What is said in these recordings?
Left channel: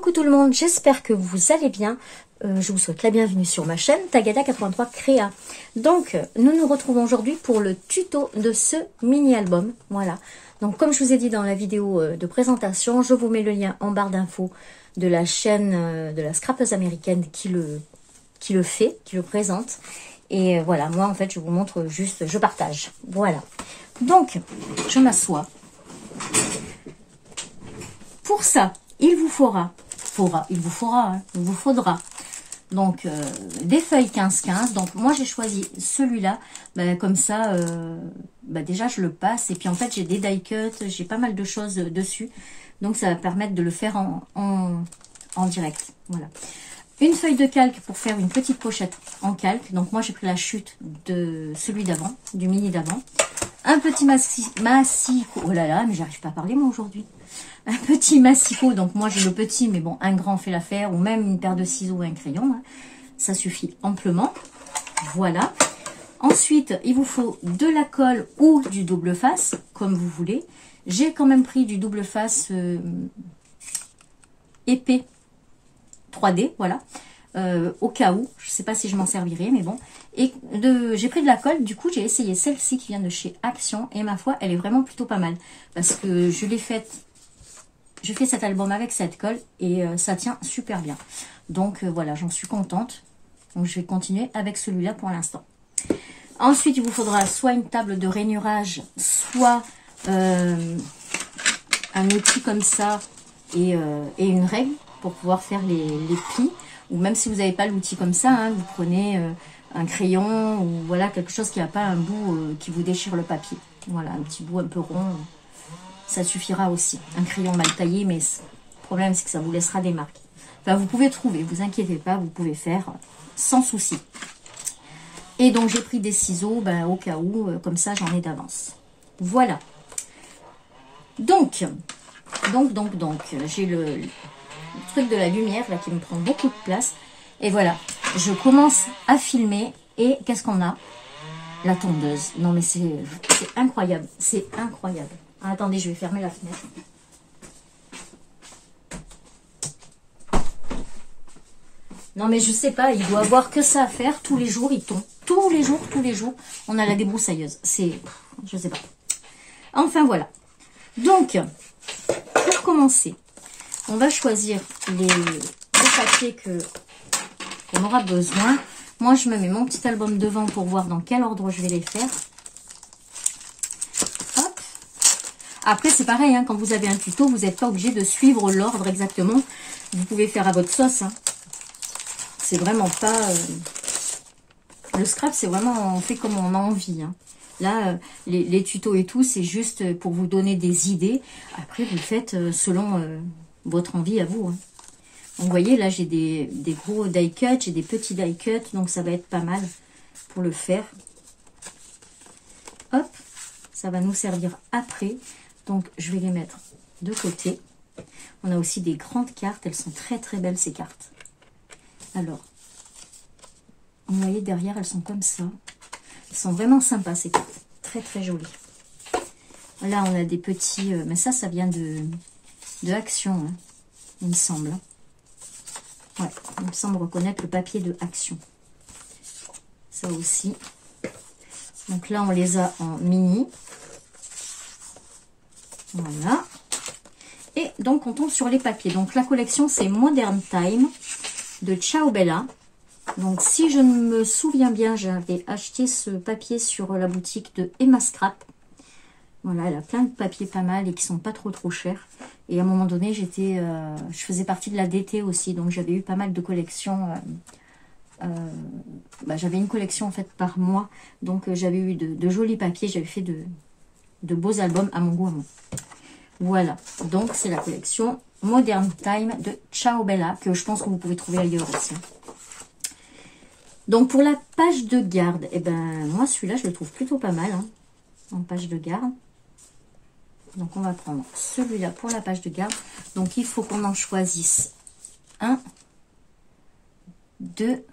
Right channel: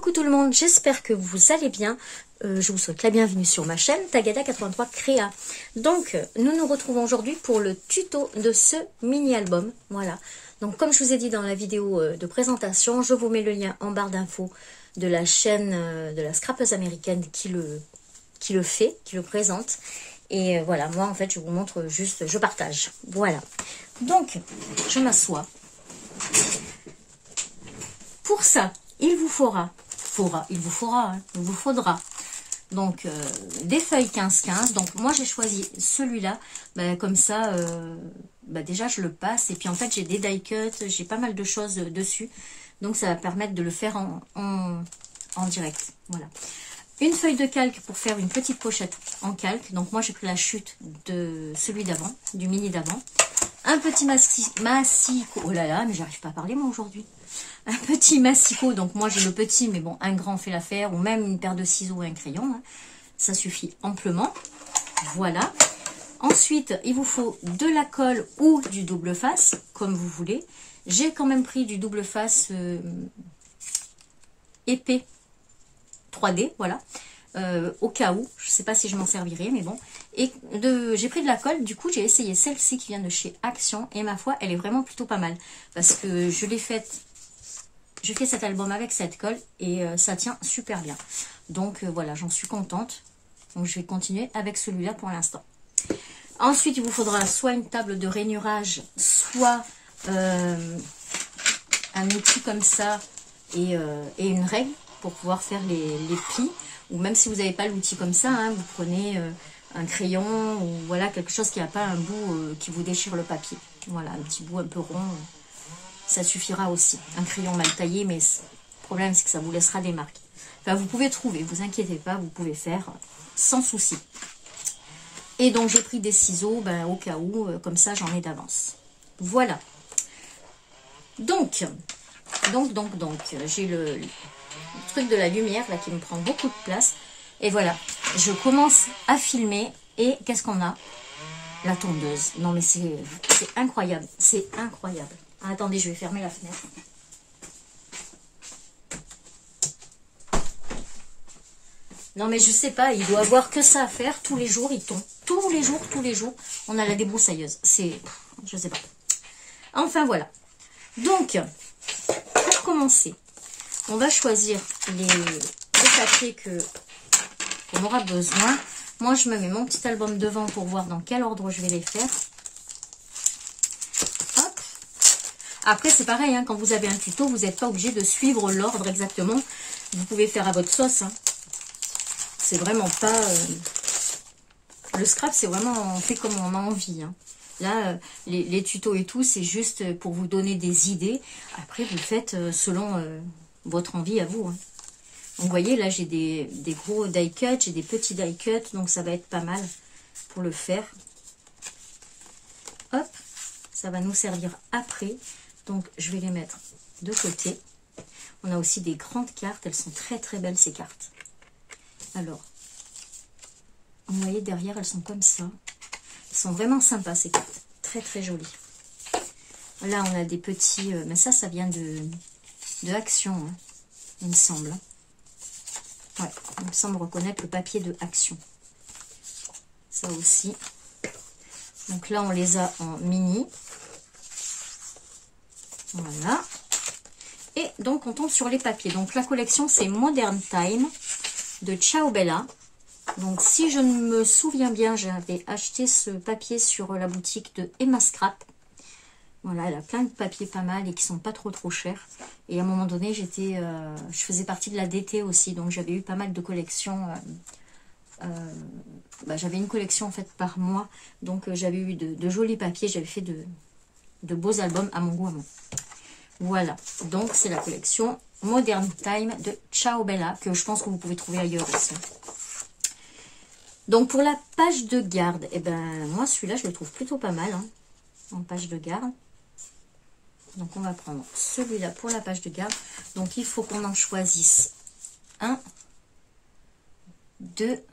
Coucou tout le monde, j'espère que vous allez bien. Je vous souhaite la bienvenue sur ma chaîne Tagada83 Créa. Donc, nous nous retrouvons aujourd'hui pour le tuto de ce mini-album. Voilà. Donc, comme je vous ai dit dans la vidéo de présentation, je vous mets le lien en barre d'infos de la chaîne de la scrapeuse américaine qui le fait, qui le présente. Et voilà, moi en fait, je vous montre juste, je partage. Voilà. Donc, je m'assois. Pour ça, il vous faudra donc des feuilles 15-15. Donc moi j'ai choisi celui-là, comme ça, déjà je le passe. Et puis en fait j'ai des die cuts, j'ai pas mal de choses dessus. Donc ça va permettre de le faire en direct. Voilà. Une feuille de calque pour faire une petite pochette en calque. Donc moi j'ai pris la chute de celui d'avant, du mini d'avant. Un petit massicot. Oh là là, mais j'arrive pas à parler moi aujourd'hui. Un petit massicot, donc moi j'ai le petit, mais bon, un grand fait l'affaire, ou même une paire de ciseaux et un crayon, hein. Ça suffit amplement. Voilà. Ensuite, il vous faut de la colle ou du double face, comme vous voulez. J'ai quand même pris du double face épais 3D, voilà. Au cas où, je ne sais pas si je m'en servirai, mais bon. Et j'ai pris de la colle, du coup j'ai essayé celle-ci qui vient de chez Action, et ma foi, elle est vraiment plutôt pas mal. Parce que je l'ai faite. J'ai fait cet album avec cette colle et ça tient super bien. Donc voilà, j'en suis contente. Donc je vais continuer avec celui-là pour l'instant. Ensuite, il vous faudra soit une table de rainurage, soit un outil comme ça et une règle pour pouvoir faire les plis. Ou même si vous n'avez pas l'outil comme ça, hein, vous prenez un crayon ou voilà quelque chose qui n'a pas un bout qui vous déchire le papier. Voilà, un petit bout un peu rond. Ça suffira aussi. Un crayon mal taillé, mais le problème, c'est que ça vous laissera des marques. Enfin, vous pouvez trouver, vous inquiétez pas, vous pouvez faire sans souci. Et donc, j'ai pris des ciseaux, au cas où, comme ça, j'en ai d'avance. Voilà. Donc, j'ai le truc de la lumière, là, qui me prend beaucoup de place. Et voilà, je commence à filmer. Et qu'est-ce qu'on a? La tondeuse. Non, mais c'est incroyable. C'est incroyable. Ah, attendez, je vais fermer la fenêtre. Non, mais je sais pas, il doit avoir que ça à faire. Tous les jours, il tombe. Tous les jours, on a la débroussailleuse. C'est... je sais pas. Enfin, voilà. Donc, pour commencer, on va choisir les papiers qu'on aura besoin. Moi, je me mets mon petit album devant pour voir dans quel ordre je vais les faire. Après, c'est pareil, hein, quand vous avez un tuto, vous n'êtes pas obligé de suivre l'ordre exactement. Vous pouvez faire à votre sauce. Hein. C'est vraiment pas... Le scrap, c'est vraiment on fait comme on a envie. Hein. Là, les tutos et tout, c'est juste pour vous donner des idées. Après, vous le faites selon votre envie à vous. Hein. Donc, vous voyez, là, j'ai des gros die cuts, j'ai des petits die cuts. Donc, ça va être pas mal pour le faire. Hop, ça va nous servir après. Donc, je vais les mettre de côté. On a aussi des grandes cartes. Elles sont très, très belles, ces cartes. Alors, vous voyez, derrière, elles sont comme ça. Elles sont vraiment sympas, ces cartes. Très, très jolies. Là, on a des petits... mais ça vient de Action, hein, il me semble. Ouais, il me semble reconnaître le papier de Action. Ça aussi. Donc là, on les a en mini. Voilà. Et donc, on tombe sur les papiers. Donc, la collection, c'est Modern Time de Ciao Bella. Donc, si je ne me souviens bien, j'avais acheté ce papier sur la boutique de Emma Scrap. Voilà, elle a plein de papiers pas mal et qui sont pas trop chers. Et à un moment donné, je faisais partie de la DT aussi. Donc, j'avais eu pas mal de collections. J'avais une collection en fait par mois. Donc, j'avais eu de jolis papiers. J'avais fait de beaux albums à mon goût à moi. Voilà, donc c'est la collection Modern Time de Ciao Bella, que je pense que vous pouvez trouver ailleurs aussi. Donc pour la page de garde, moi celui-là je le trouve plutôt pas mal, hein, en page de garde. Donc on va prendre celui-là pour la page de garde. Donc il faut qu'on en choisisse 1, 2,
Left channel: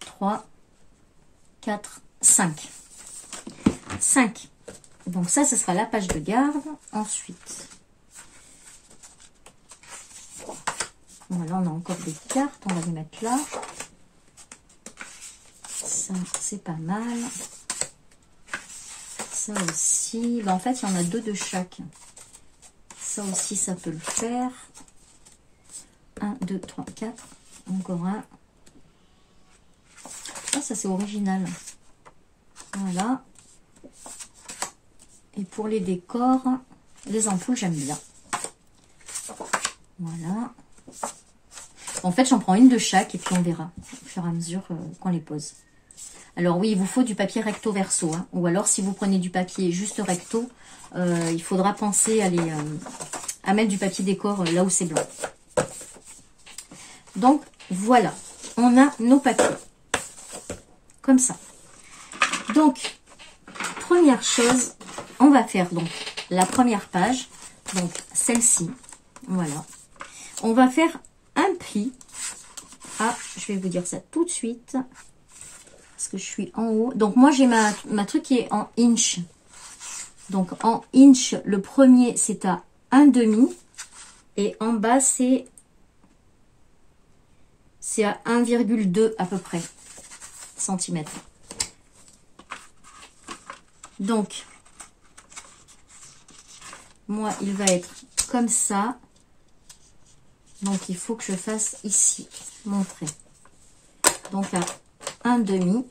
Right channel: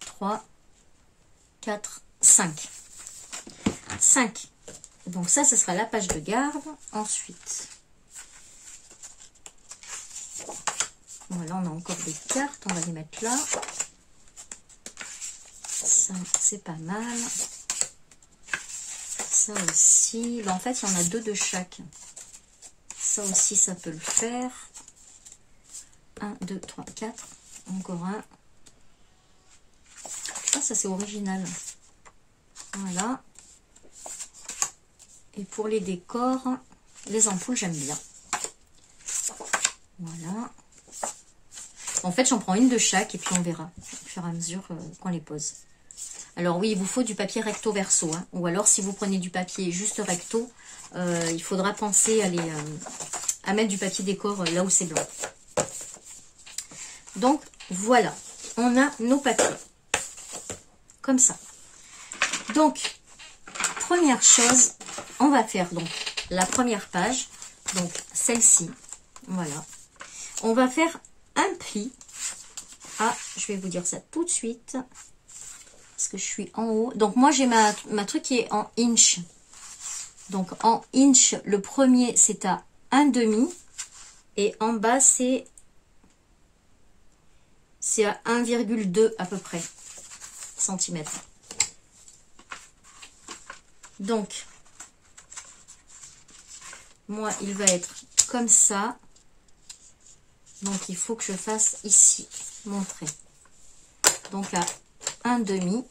3, 4, 5. 5. Donc ça, ce sera la page de garde. Ensuite, Voilà, on a encore des cartes, on va les mettre là. Ça, c'est pas mal. Ça aussi. Ben, en fait, il y en a 2 de chaque. Ça aussi, ça peut le faire. 1, 2, 3, 4. Encore un. Ah, ça, c'est original. Voilà. Et pour les décors, les ampoules, j'aime bien. Voilà. En fait, j'en prends une de chaque et puis on verra au fur et à mesure qu'on les pose. Alors oui, il vous faut du papier recto verso. Hein. Ou alors, si vous prenez du papier juste recto, il faudra penser à mettre du papier décor là où c'est blanc. Donc, voilà. On a nos papiers. Comme ça. Donc, première chose, on va faire donc la première page. Donc, celle-ci. Voilà. On va faire un pli. Ah, je vais vous dire ça tout de suite. Parce que je suis en haut. Donc, moi, j'ai ma truc qui est en inch. Donc, en inch, le premier, c'est à 1,5. Et en bas, c'est à 1,2 à peu près centimètres. Donc, moi, il va être comme ça. Donc, il faut que je fasse ici, mon trait. Donc, à 1,5.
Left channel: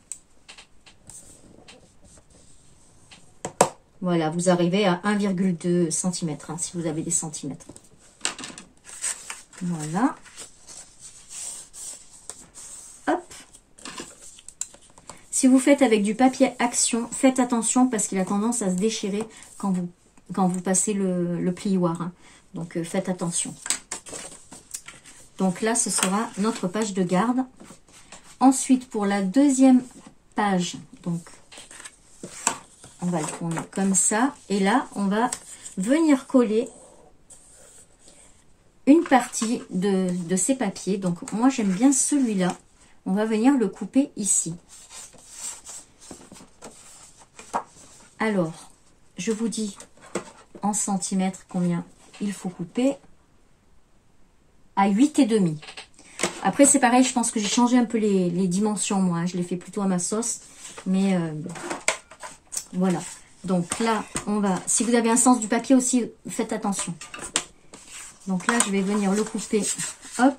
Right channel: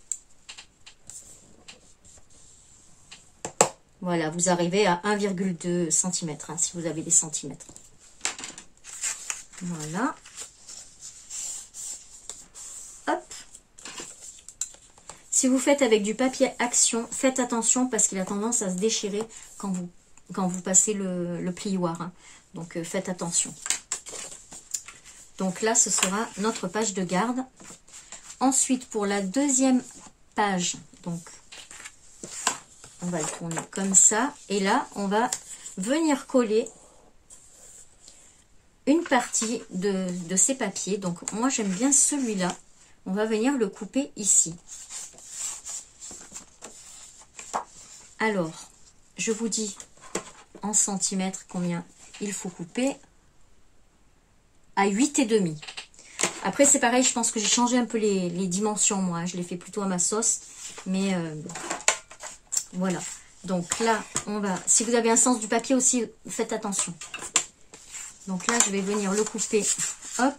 Voilà, vous arrivez à 1,2 cm, hein, si vous avez des centimètres. Voilà. Hop. Si vous faites avec du papier Action, faites attention parce qu'il a tendance à se déchirer quand vous passez le plioir. Hein. Donc, faites attention. Donc là, ce sera notre page de garde. Ensuite, pour la deuxième page, donc, on va le tourner comme ça. Et là, on va venir coller une partie de ces papiers. Donc, moi, j'aime bien celui-là. On va venir le couper ici. Alors, je vous dis en centimètres combien il faut couper. À 8,5. Après, c'est pareil, je pense que j'ai changé un peu les dimensions, moi. Je les fais plutôt à ma sauce. Mais voilà. Donc là, on va... Si vous avez un sens du papier aussi, faites attention. Donc là, je vais venir le couper. Hop.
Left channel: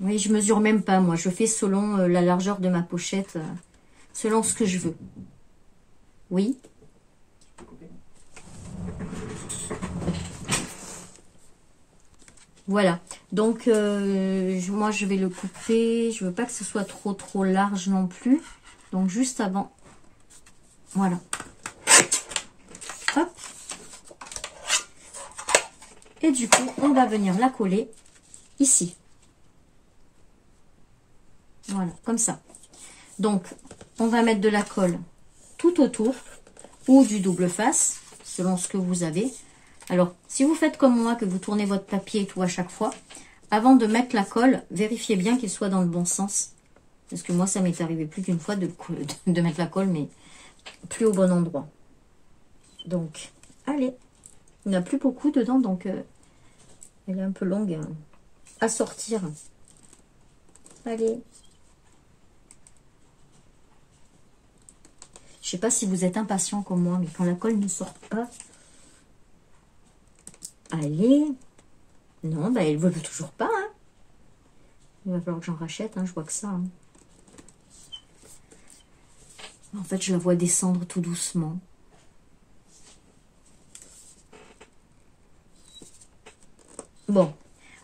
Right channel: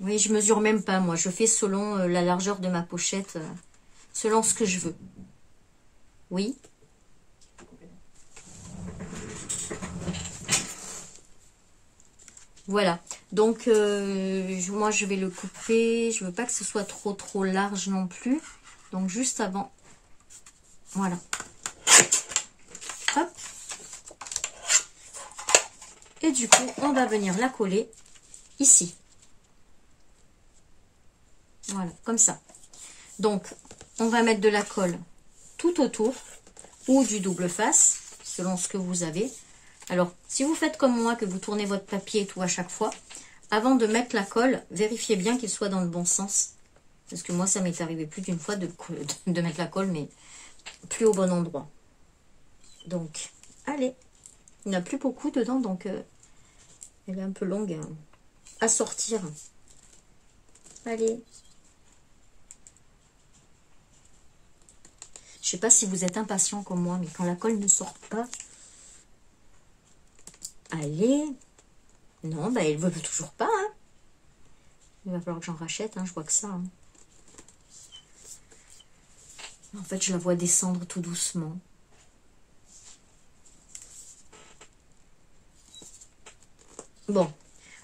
Oui, je mesure même pas, moi. Je fais selon la largeur de ma pochette, selon ce que je veux. Oui. Voilà, donc moi je vais le couper, je veux pas que ce soit trop large non plus, donc juste avant, voilà, hop, et du coup on va venir la coller ici, voilà, comme ça. Donc on va mettre de la colle tout autour, ou du double face, selon ce que vous avez. Alors, si vous faites comme moi, que vous tournez votre papier et tout à chaque fois, avant de mettre la colle, vérifiez bien qu'il soit dans le bon sens. Parce que moi, ça m'est arrivé plus d'une fois de mettre la colle, mais plus au bon endroit. Donc, allez. Il n'y en a plus beaucoup dedans, donc elle est un peu longue à sortir. Allez. Je sais pas si vous êtes impatient comme moi, mais quand la colle ne sort pas... Allez. Non, bah, elle ne veut toujours pas. Hein. Il va falloir que j'en rachète. Hein, je vois que ça. Hein. En fait, je la vois descendre tout doucement. Bon.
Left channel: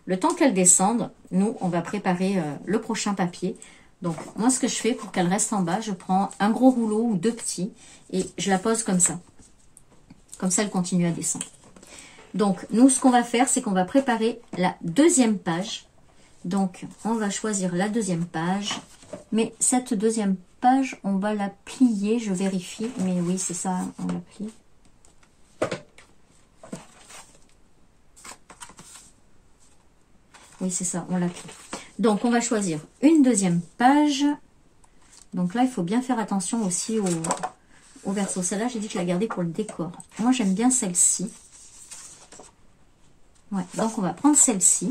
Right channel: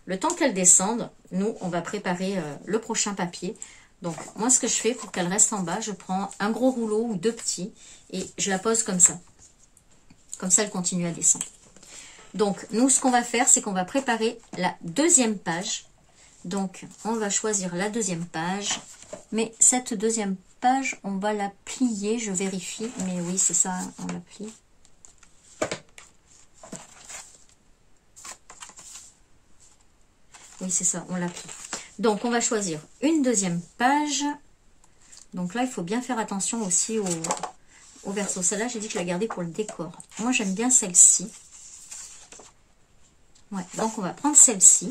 Le temps qu'elle descende, nous, on va préparer le prochain papier. Donc, moi, ce que je fais pour qu'elle reste en bas, je prends un gros rouleau ou 2 petits et je la pose comme ça. Comme ça, elle continue à descendre. Donc, nous, ce qu'on va faire, c'est qu'on va préparer la deuxième page. Donc, on va choisir la deuxième page. Mais cette deuxième page, on va la plier. Je vérifie. Mais oui, c'est ça, on la plie. Oui, c'est ça, on la plie. Donc, on va choisir une deuxième page. Donc là, il faut bien faire attention aussi au verso. Celle-là, j'ai dit que je la gardais pour le décor. Moi, j'aime bien celle-ci. Ouais, donc on va prendre celle-ci,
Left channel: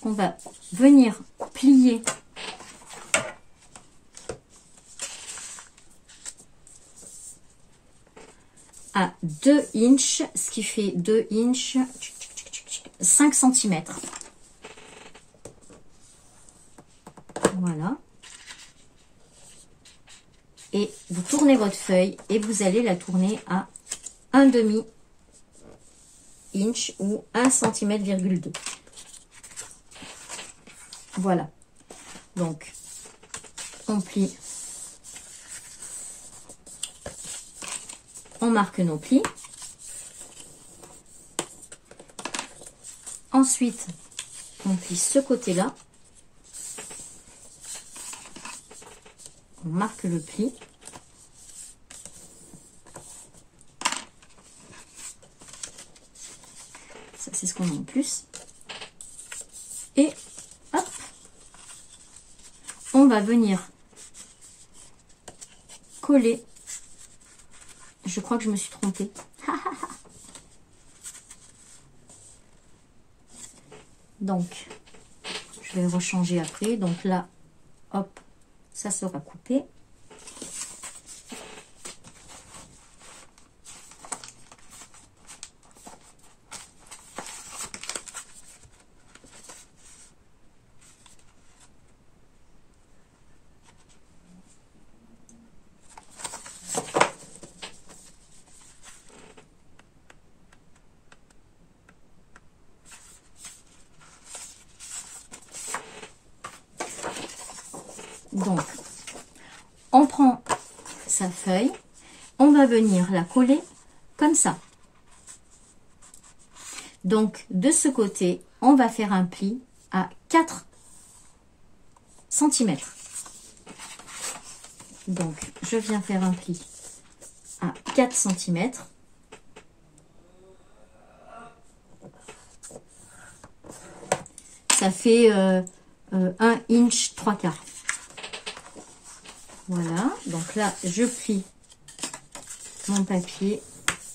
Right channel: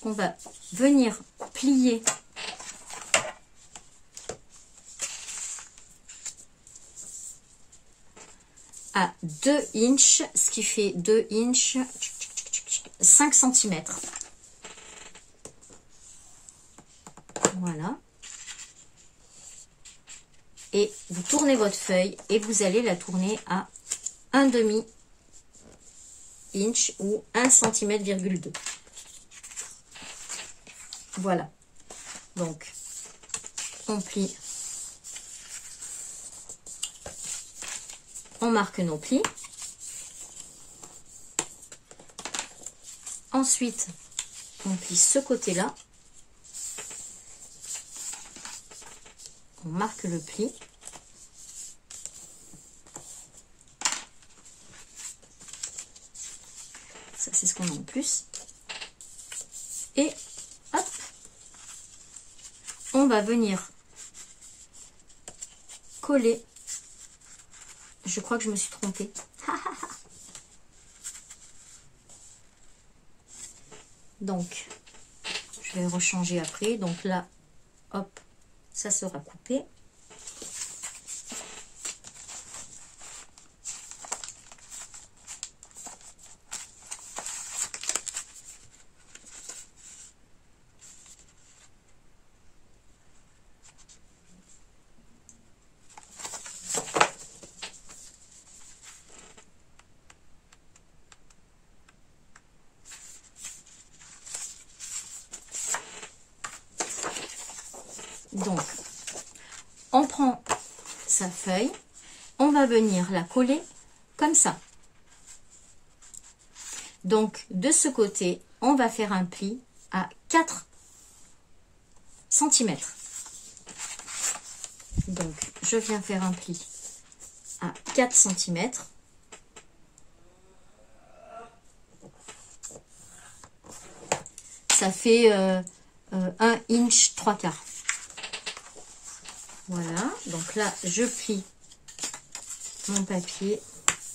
qu'on va venir plier à 2 inches, ce qui fait 2 inches, 5 cm. Voilà. Et vous tournez votre feuille et vous allez la tourner à 1/2 inch ou 1 cm,2. Voilà. Donc, on plie. On marque nos plis. Ensuite, on plie ce côté-là. On marque le pli. Ça, c'est ce qu'on a en plus. Et hop, on va venir coller. Je crois que je me suis trompée. Donc, je vais le rechanger après. Donc là, hop, ça sera coupé. Donc, on prend sa feuille, on va venir la coller comme ça. Donc, de ce côté, on va faire un pli à 4 cm. Donc, je viens faire un pli à 4 cm. Ça fait 1 inch 3/4. Voilà, donc là, je plie mon papier,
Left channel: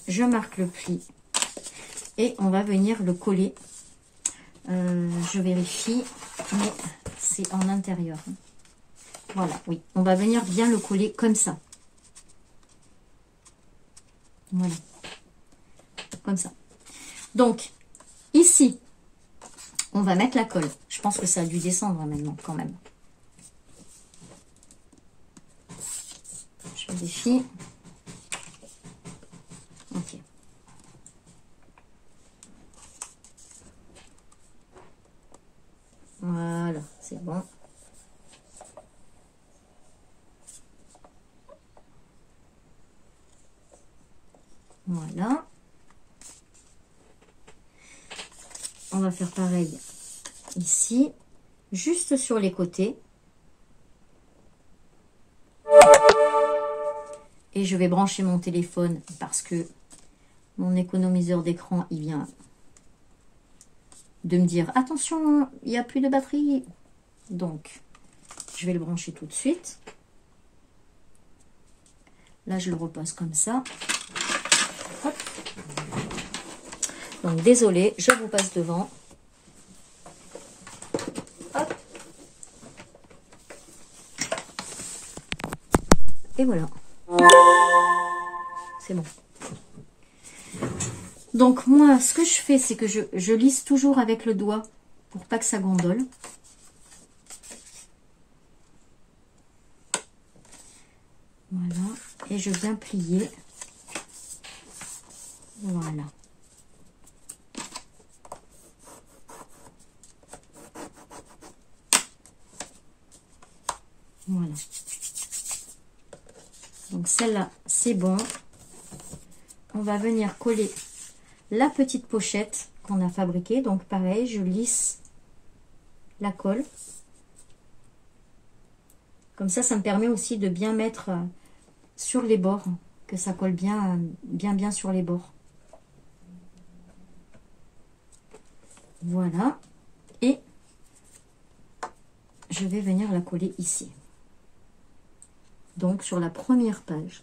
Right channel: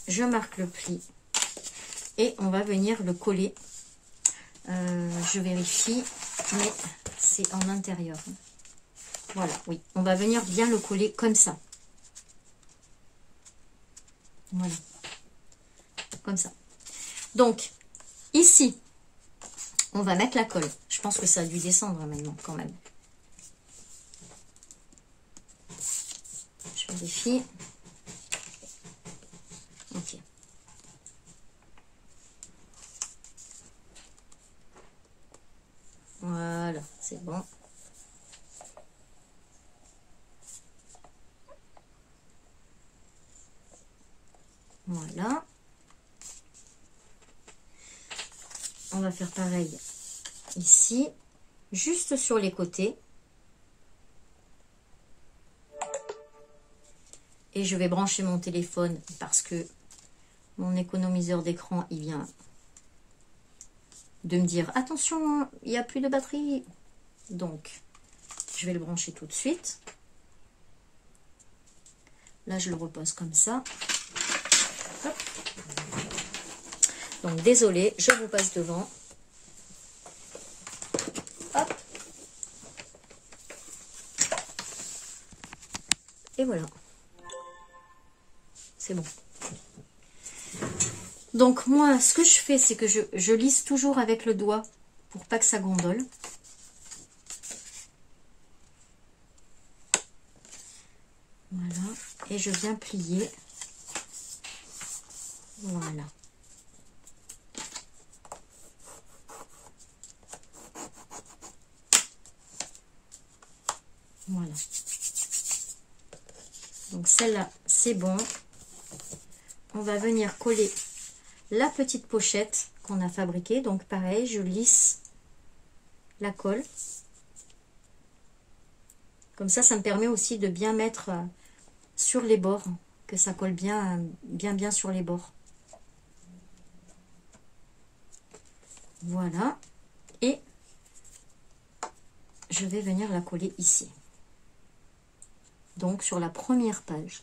je marque le pli et on va venir le coller. Je vérifie, mais c'est en intérieur. Voilà, oui, on va venir bien le coller comme ça. Voilà, comme ça. Donc, ici, on va mettre la colle. Je pense que ça a dû descendre maintenant, quand même. Je vérifie. Ok. Voilà, c'est bon. Voilà. On va faire pareil ici, juste sur les côtés. Et je vais brancher mon téléphone parce que mon économiseur d'écran, il vient de me dire attention, il n'y a plus de batterie. Donc, je vais le brancher tout de suite. Là, je le repose comme ça. Hop. Donc, désolé, je vous passe devant. Hop. Et voilà. C'est bon. Donc, moi, ce que je fais, c'est que je lisse toujours avec le doigt pour pas que ça gondole. Voilà. Et je viens plier. Voilà. Voilà. Donc, celle-là, c'est bon. On va venir coller la petite pochette qu'on a fabriquée. Donc, pareil, je lisse la colle. Comme ça, ça me permet aussi de bien mettre sur les bords, que ça colle bien sur les bords. Voilà. Et je vais venir la coller ici. Donc, sur la première page.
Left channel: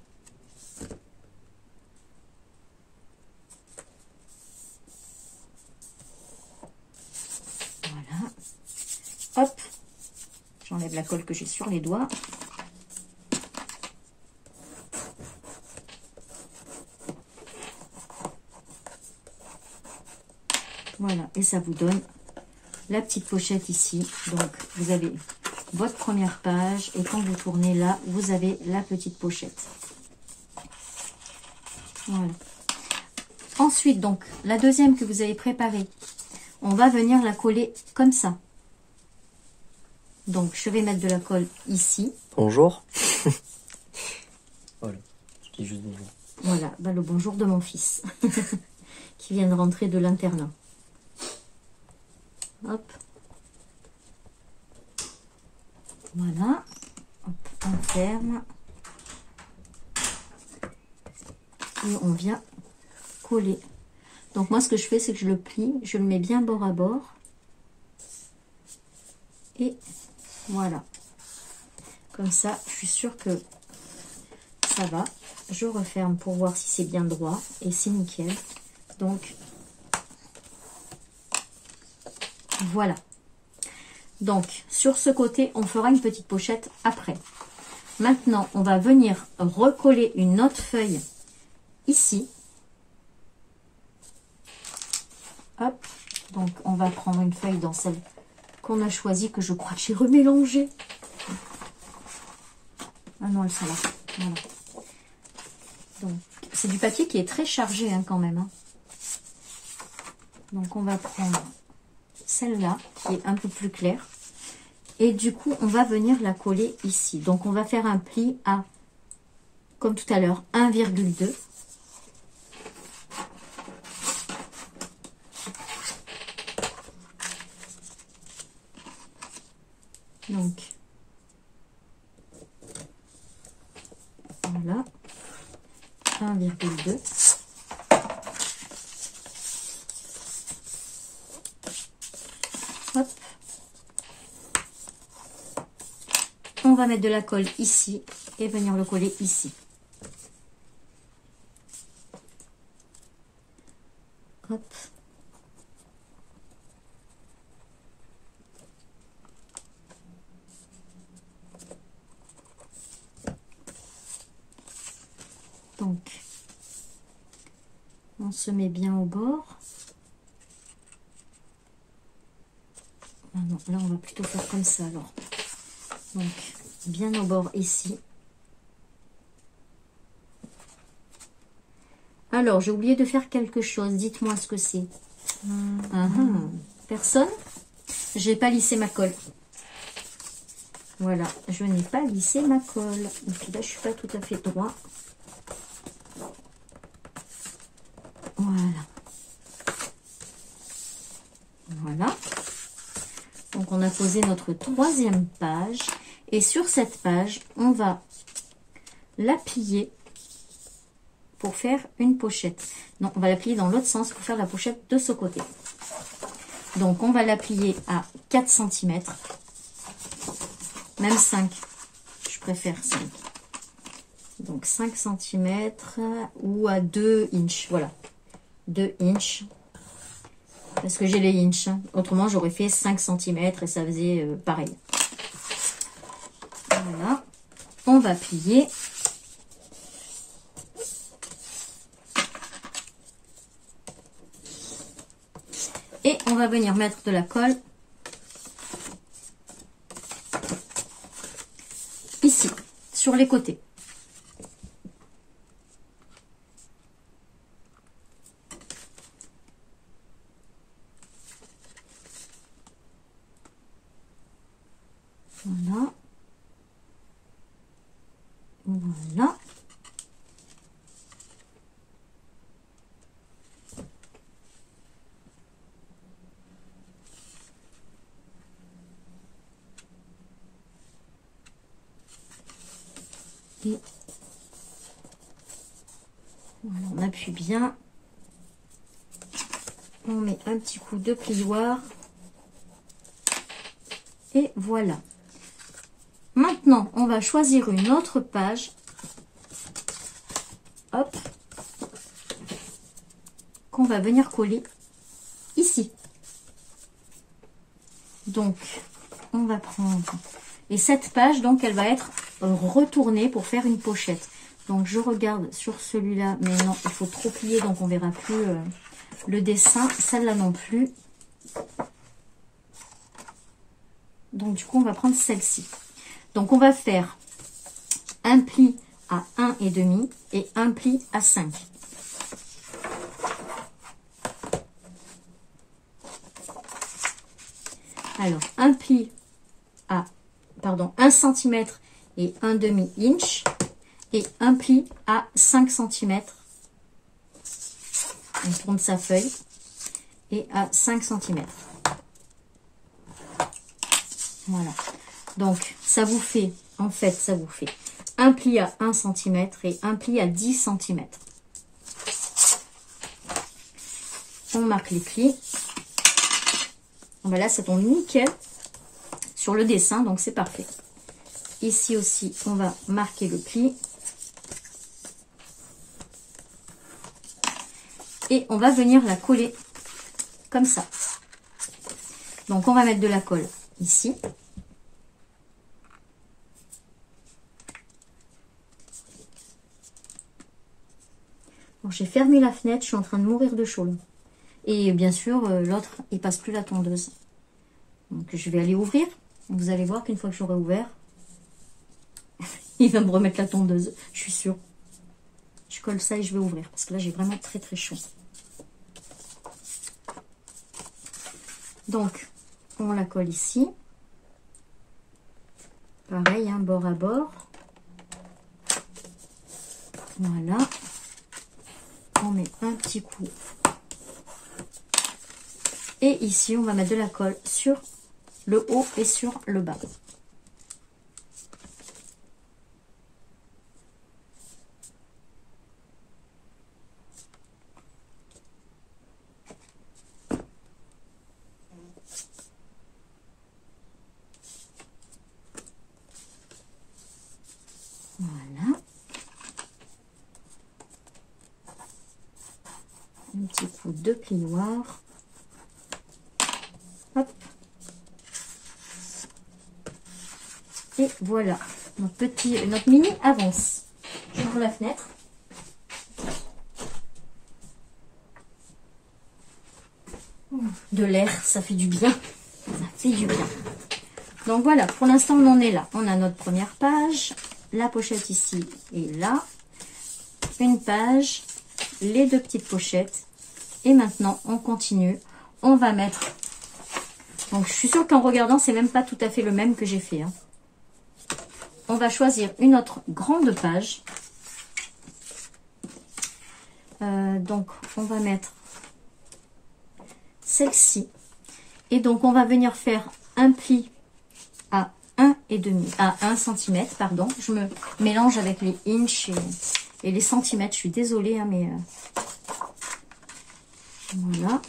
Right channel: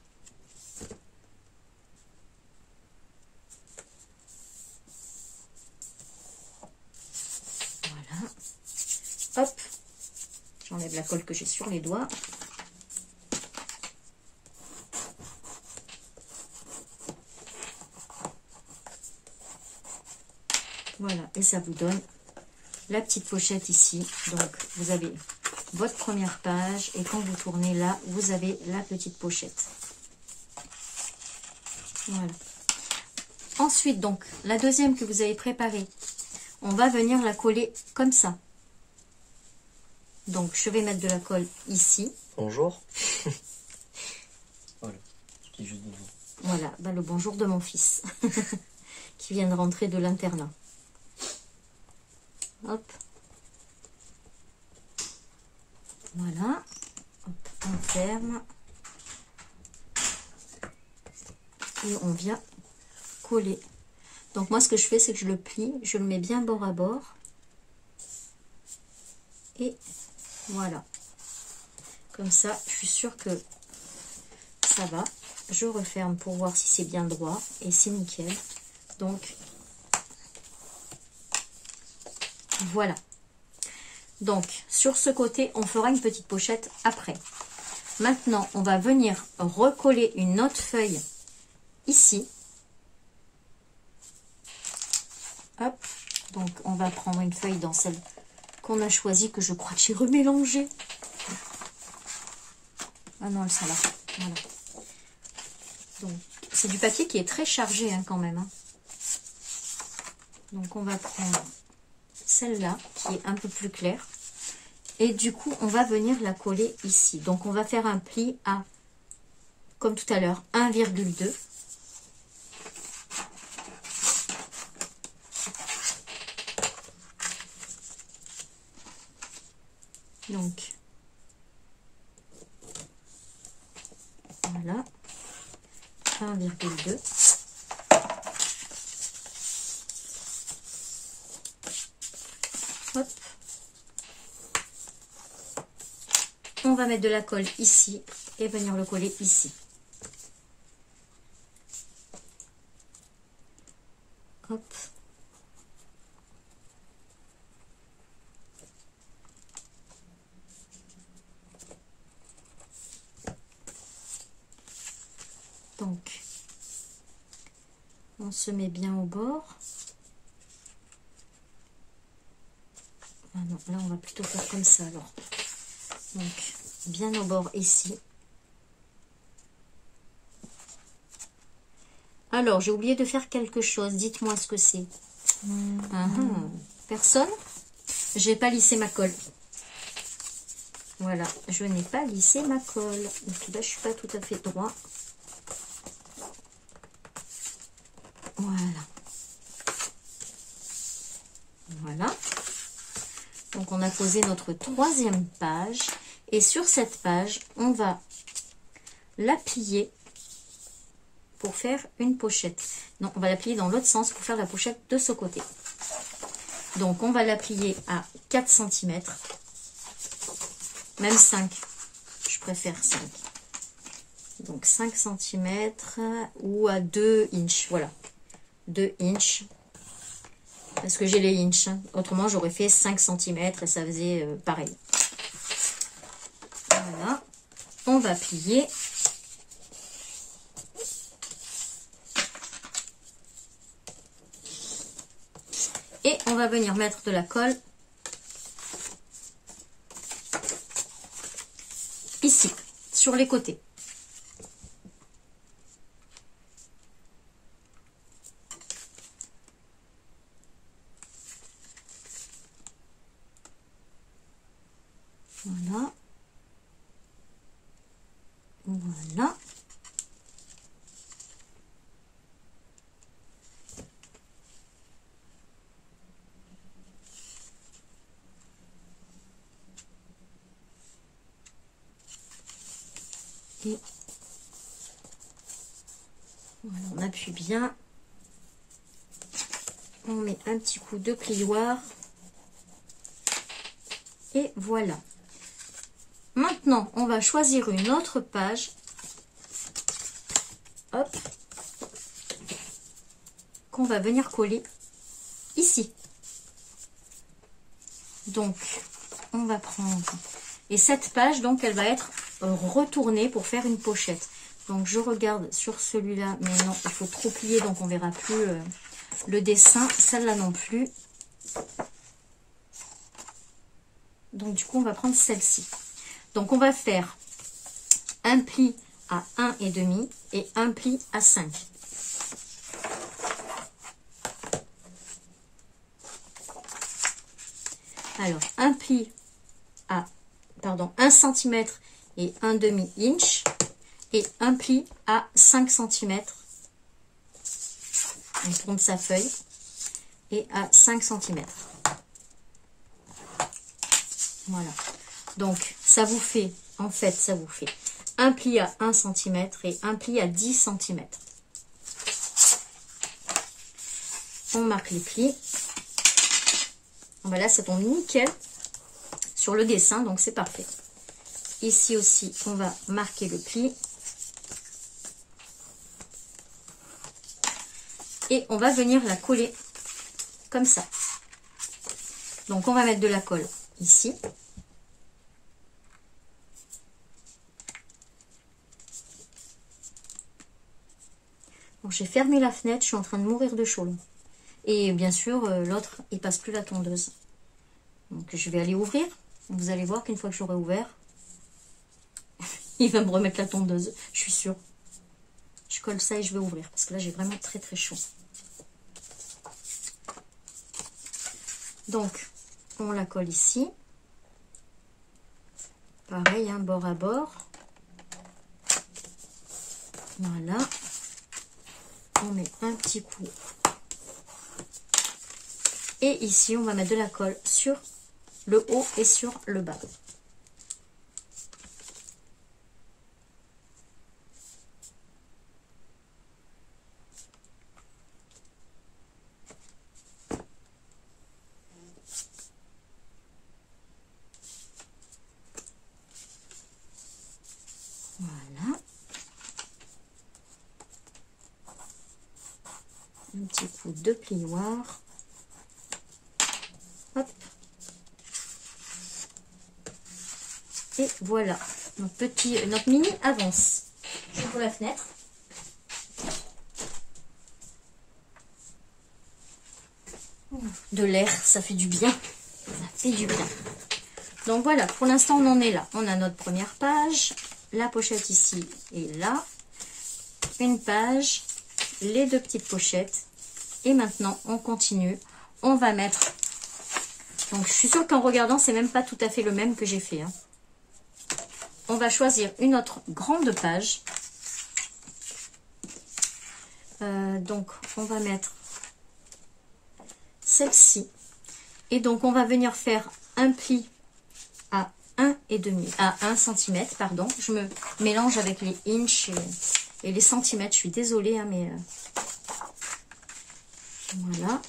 colle que j'ai sur les doigts. Voilà, et ça vous donne la petite pochette ici. Donc, vous avez votre première page et quand vous tournez là, vous avez la petite pochette. Voilà. Ensuite, donc, la deuxième que vous avez préparée, on va venir la coller comme ça. Donc, je vais mettre de la colle ici. Bonjour. Voilà, je dis juste bonjour. Voilà, bah, le bonjour de mon fils qui vient de rentrer de l'internat. Hop. Voilà. Hop, on ferme. Et on vient coller. Donc moi, ce que je fais, c'est que je le plie. Je le mets bien bord à bord. Et voilà. Comme ça, je suis sûre que ça va. Je referme pour voir si c'est bien droit. Et c'est nickel. Donc, voilà. Donc, sur ce côté, on fera une petite pochette après. Maintenant, on va venir recoller une autre feuille ici. Hop. Donc, on va prendre une feuille dans celle qu'on a choisie, que je crois que j'ai remélangée. Ah non, ça là. Voilà. Donc, c'est du papier qui est très chargé hein, quand même. Hein. Donc, on va prendre celle-là qui est un peu plus claire. Et du coup, on va venir la coller ici. Donc, on va faire un pli à, comme tout à l'heure, 1,2. Donc, voilà. 1,2. Hop. On va mettre de la colle ici et venir le coller ici. Hop. Donc, on se met bien au bord. Ah non, là on va plutôt faire comme ça alors. Donc, bien au bord ici. Alors, j'ai oublié de faire quelque chose. Dites-moi ce que c'est. Personne? J'ai pas lissé ma colle. Voilà, je n'ai pas lissé ma colle. Donc là, je suis pas tout à fait droit. Voilà. Voilà. Donc, on a posé notre troisième page. Et sur cette page, on va la plier pour faire une pochette. Non, on va la plier dans l'autre sens pour faire la pochette de ce côté. Donc, on va la plier à 4 cm. Même 5. Je préfère 5. Donc, 5 cm ou à 2 inches. Voilà. 2 inches. Parce que j'ai les inches. Autrement, j'aurais fait 5 cm et ça faisait pareil. Voilà. On va plier. Et on va venir mettre de la colle ici, sur les côtés. Voilà. Voilà. Et voilà, on appuie bien. On met un petit coup de plioir. Et voilà. Maintenant, on va choisir une autre page. Hop. Qu'on va venir coller ici. Donc, on va prendre Et cette page, donc, elle va être retournée pour faire une pochette. Donc, je regarde sur celui-là, mais non, il faut trop plier, donc on verra plus le dessin. Celle-là non plus. Donc, du coup, on va prendre celle-ci. Donc, on va faire un pli à 1,5 et un pli à 5. Alors, un pli à, 1 cm et 1/2 inch et un pli à 5 cm. On tourne sa feuille et à 5 cm. Voilà. Donc, ça vous fait, en fait, ça vous fait un pli à 1 cm et un pli à 10 cm. On marque les plis. Voilà, ça tombe nickel sur le dessin, donc c'est parfait. Ici aussi, on va marquer le pli. Et on va venir la coller comme ça. Donc, on va mettre de la colle ici. Bon, j'ai fermé la fenêtre, je suis en train de mourir de chaud. Et bien sûr, l'autre, il passe plus la tondeuse. Donc, je vais aller ouvrir. Vous allez voir qu'une fois que j'aurai ouvert, il va me remettre la tondeuse, je suis sûre. Je colle ça et je vais ouvrir parce que là, j'ai vraiment très très chaud. Donc, on la colle ici. Pareil, hein, bord à bord. Voilà. On met un petit coup. Et ici, on va mettre de la colle sur le haut et sur le bas. Voilà. Un petit coup de plioir. Hop. Et voilà. Notre mini avance. J'ouvre la fenêtre. De l'air, ça fait du bien. Ça fait du bien. Donc voilà, pour l'instant on en est là. On a notre première page, la pochette ici et là, une page, les deux petites pochettes. Et maintenant on continue. On va mettre... Donc je suis sûre qu'en regardant, c'est même pas tout à fait le même que j'ai fait. Hein. On va choisir une autre grande page. Donc on va mettre celle-ci. Et donc on va venir faire un pli à 1,5, à 1 cm, pardon. Je me mélange avec les inches et les centimètres. Je suis désolée, hein, mais voilà.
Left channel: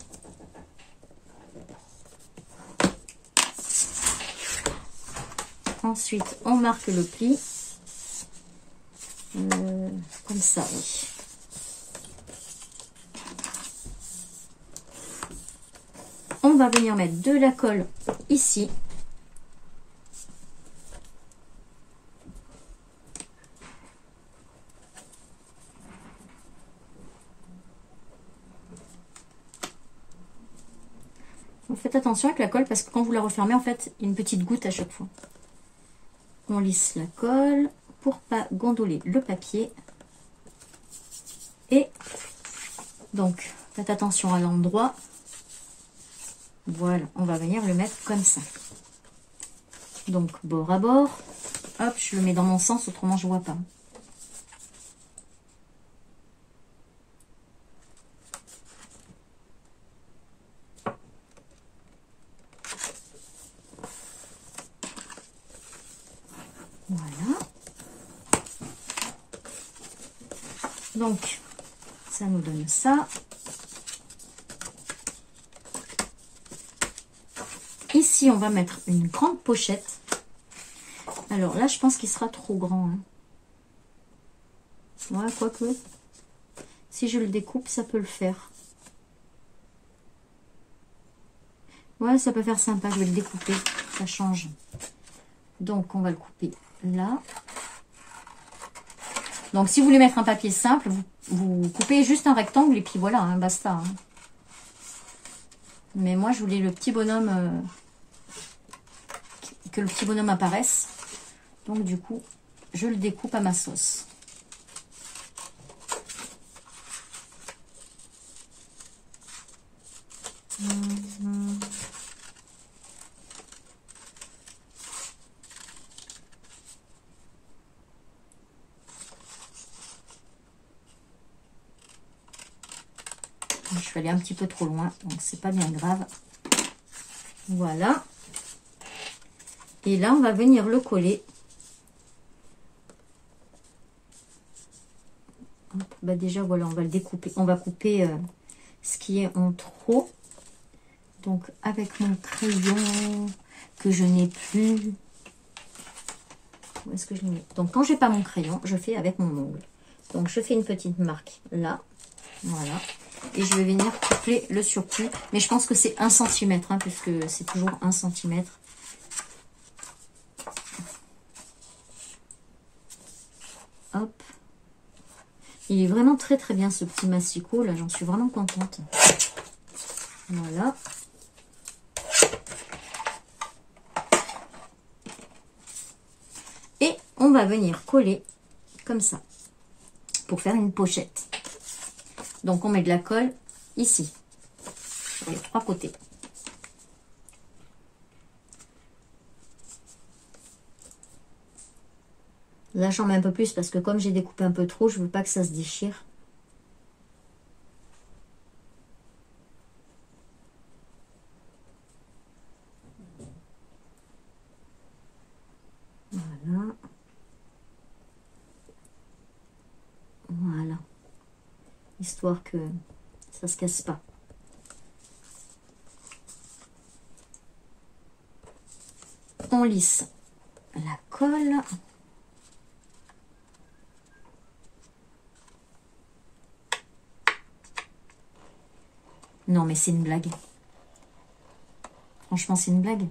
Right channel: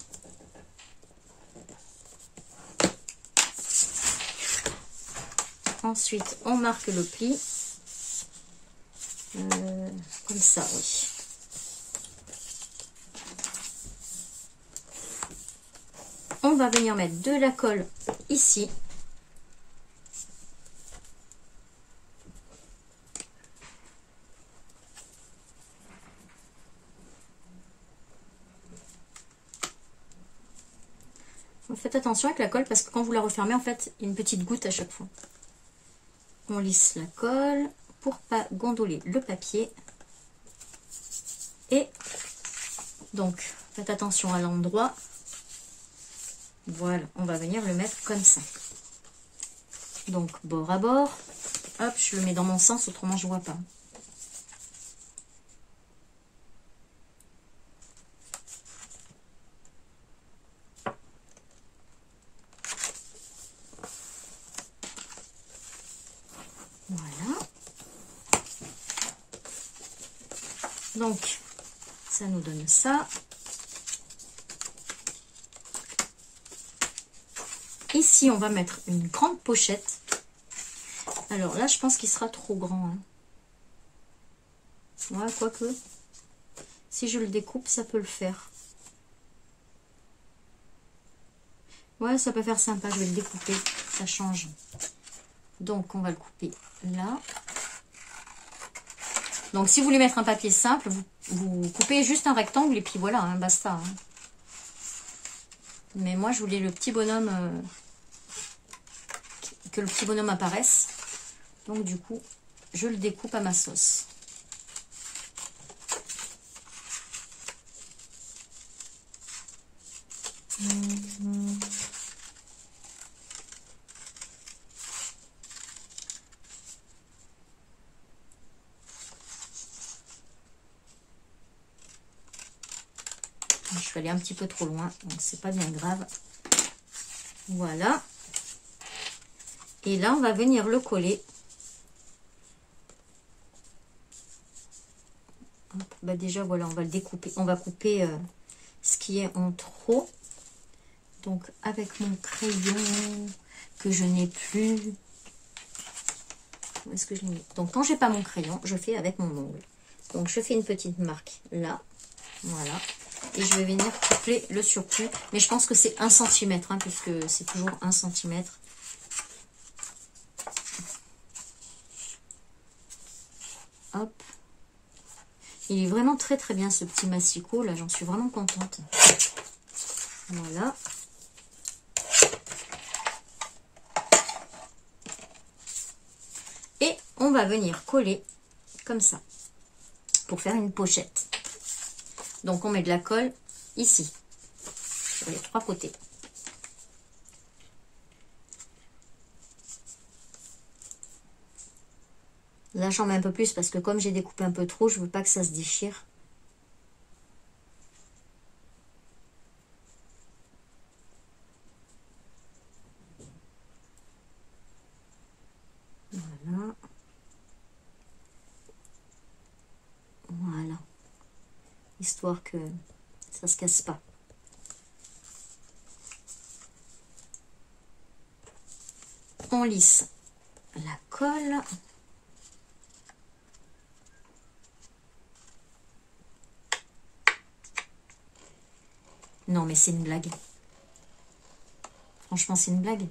Ensuite, on marque le pli. Comme ça, oui. On va venir mettre de la colle ici. Faites attention avec la colle parce que quand vous la refermez, en fait, il y a une petite goutte à chaque fois. On lisse la colle pour pas gondoler le papier. Et donc, faites attention à l'endroit. Voilà, on va venir le mettre comme ça. Donc, bord à bord. Hop, je le mets dans mon sens, autrement je vois pas. Voilà. Donc, ça nous donne ça. Ici, on va mettre une grande pochette. Alors là, je pense qu'il sera trop grand. Hein. Voilà, quoique, si je le découpe, ça peut le faire. Ouais, ça peut faire sympa. Je vais le découper. Ça change. Donc, on va le couper là. Donc, si vous voulez mettre un papier simple, vous coupez juste un rectangle et puis voilà, hein, basta. Hein. Mais moi, je voulais le petit bonhomme, que le petit bonhomme apparaisse. Donc, du coup, je le découpe à ma sauce. Je suis allée un petit peu trop loin, donc c'est pas bien grave. Voilà. Et là, on va venir le coller. Bah déjà, voilà, on va le découper. On va couper ce qui est en trop. Donc, avec mon crayon que je n'ai plus. Où est-ce que je l'ai mis? Donc, quand j'ai pas mon crayon, je fais avec mon ongle. Donc, je fais une petite marque là. Voilà. Et je vais venir couper le surplus. Mais je pense que c'est 1 cm, hein, puisque c'est toujours 1 cm. Hop. Il est vraiment très très bien ce petit massicot. Là, j'en suis vraiment contente. Voilà. Et on va venir coller comme ça pour faire une pochette. Donc, on met de la colle ici, sur les 3 côtés. Là, j'en mets un peu plus parce que comme j'ai découpé un peu trop, je veux pas que ça se déchire. Voilà. Voilà. Histoire que ça se casse pas. On lisse la colle. Non, mais c'est une blague. Franchement, c'est une blague.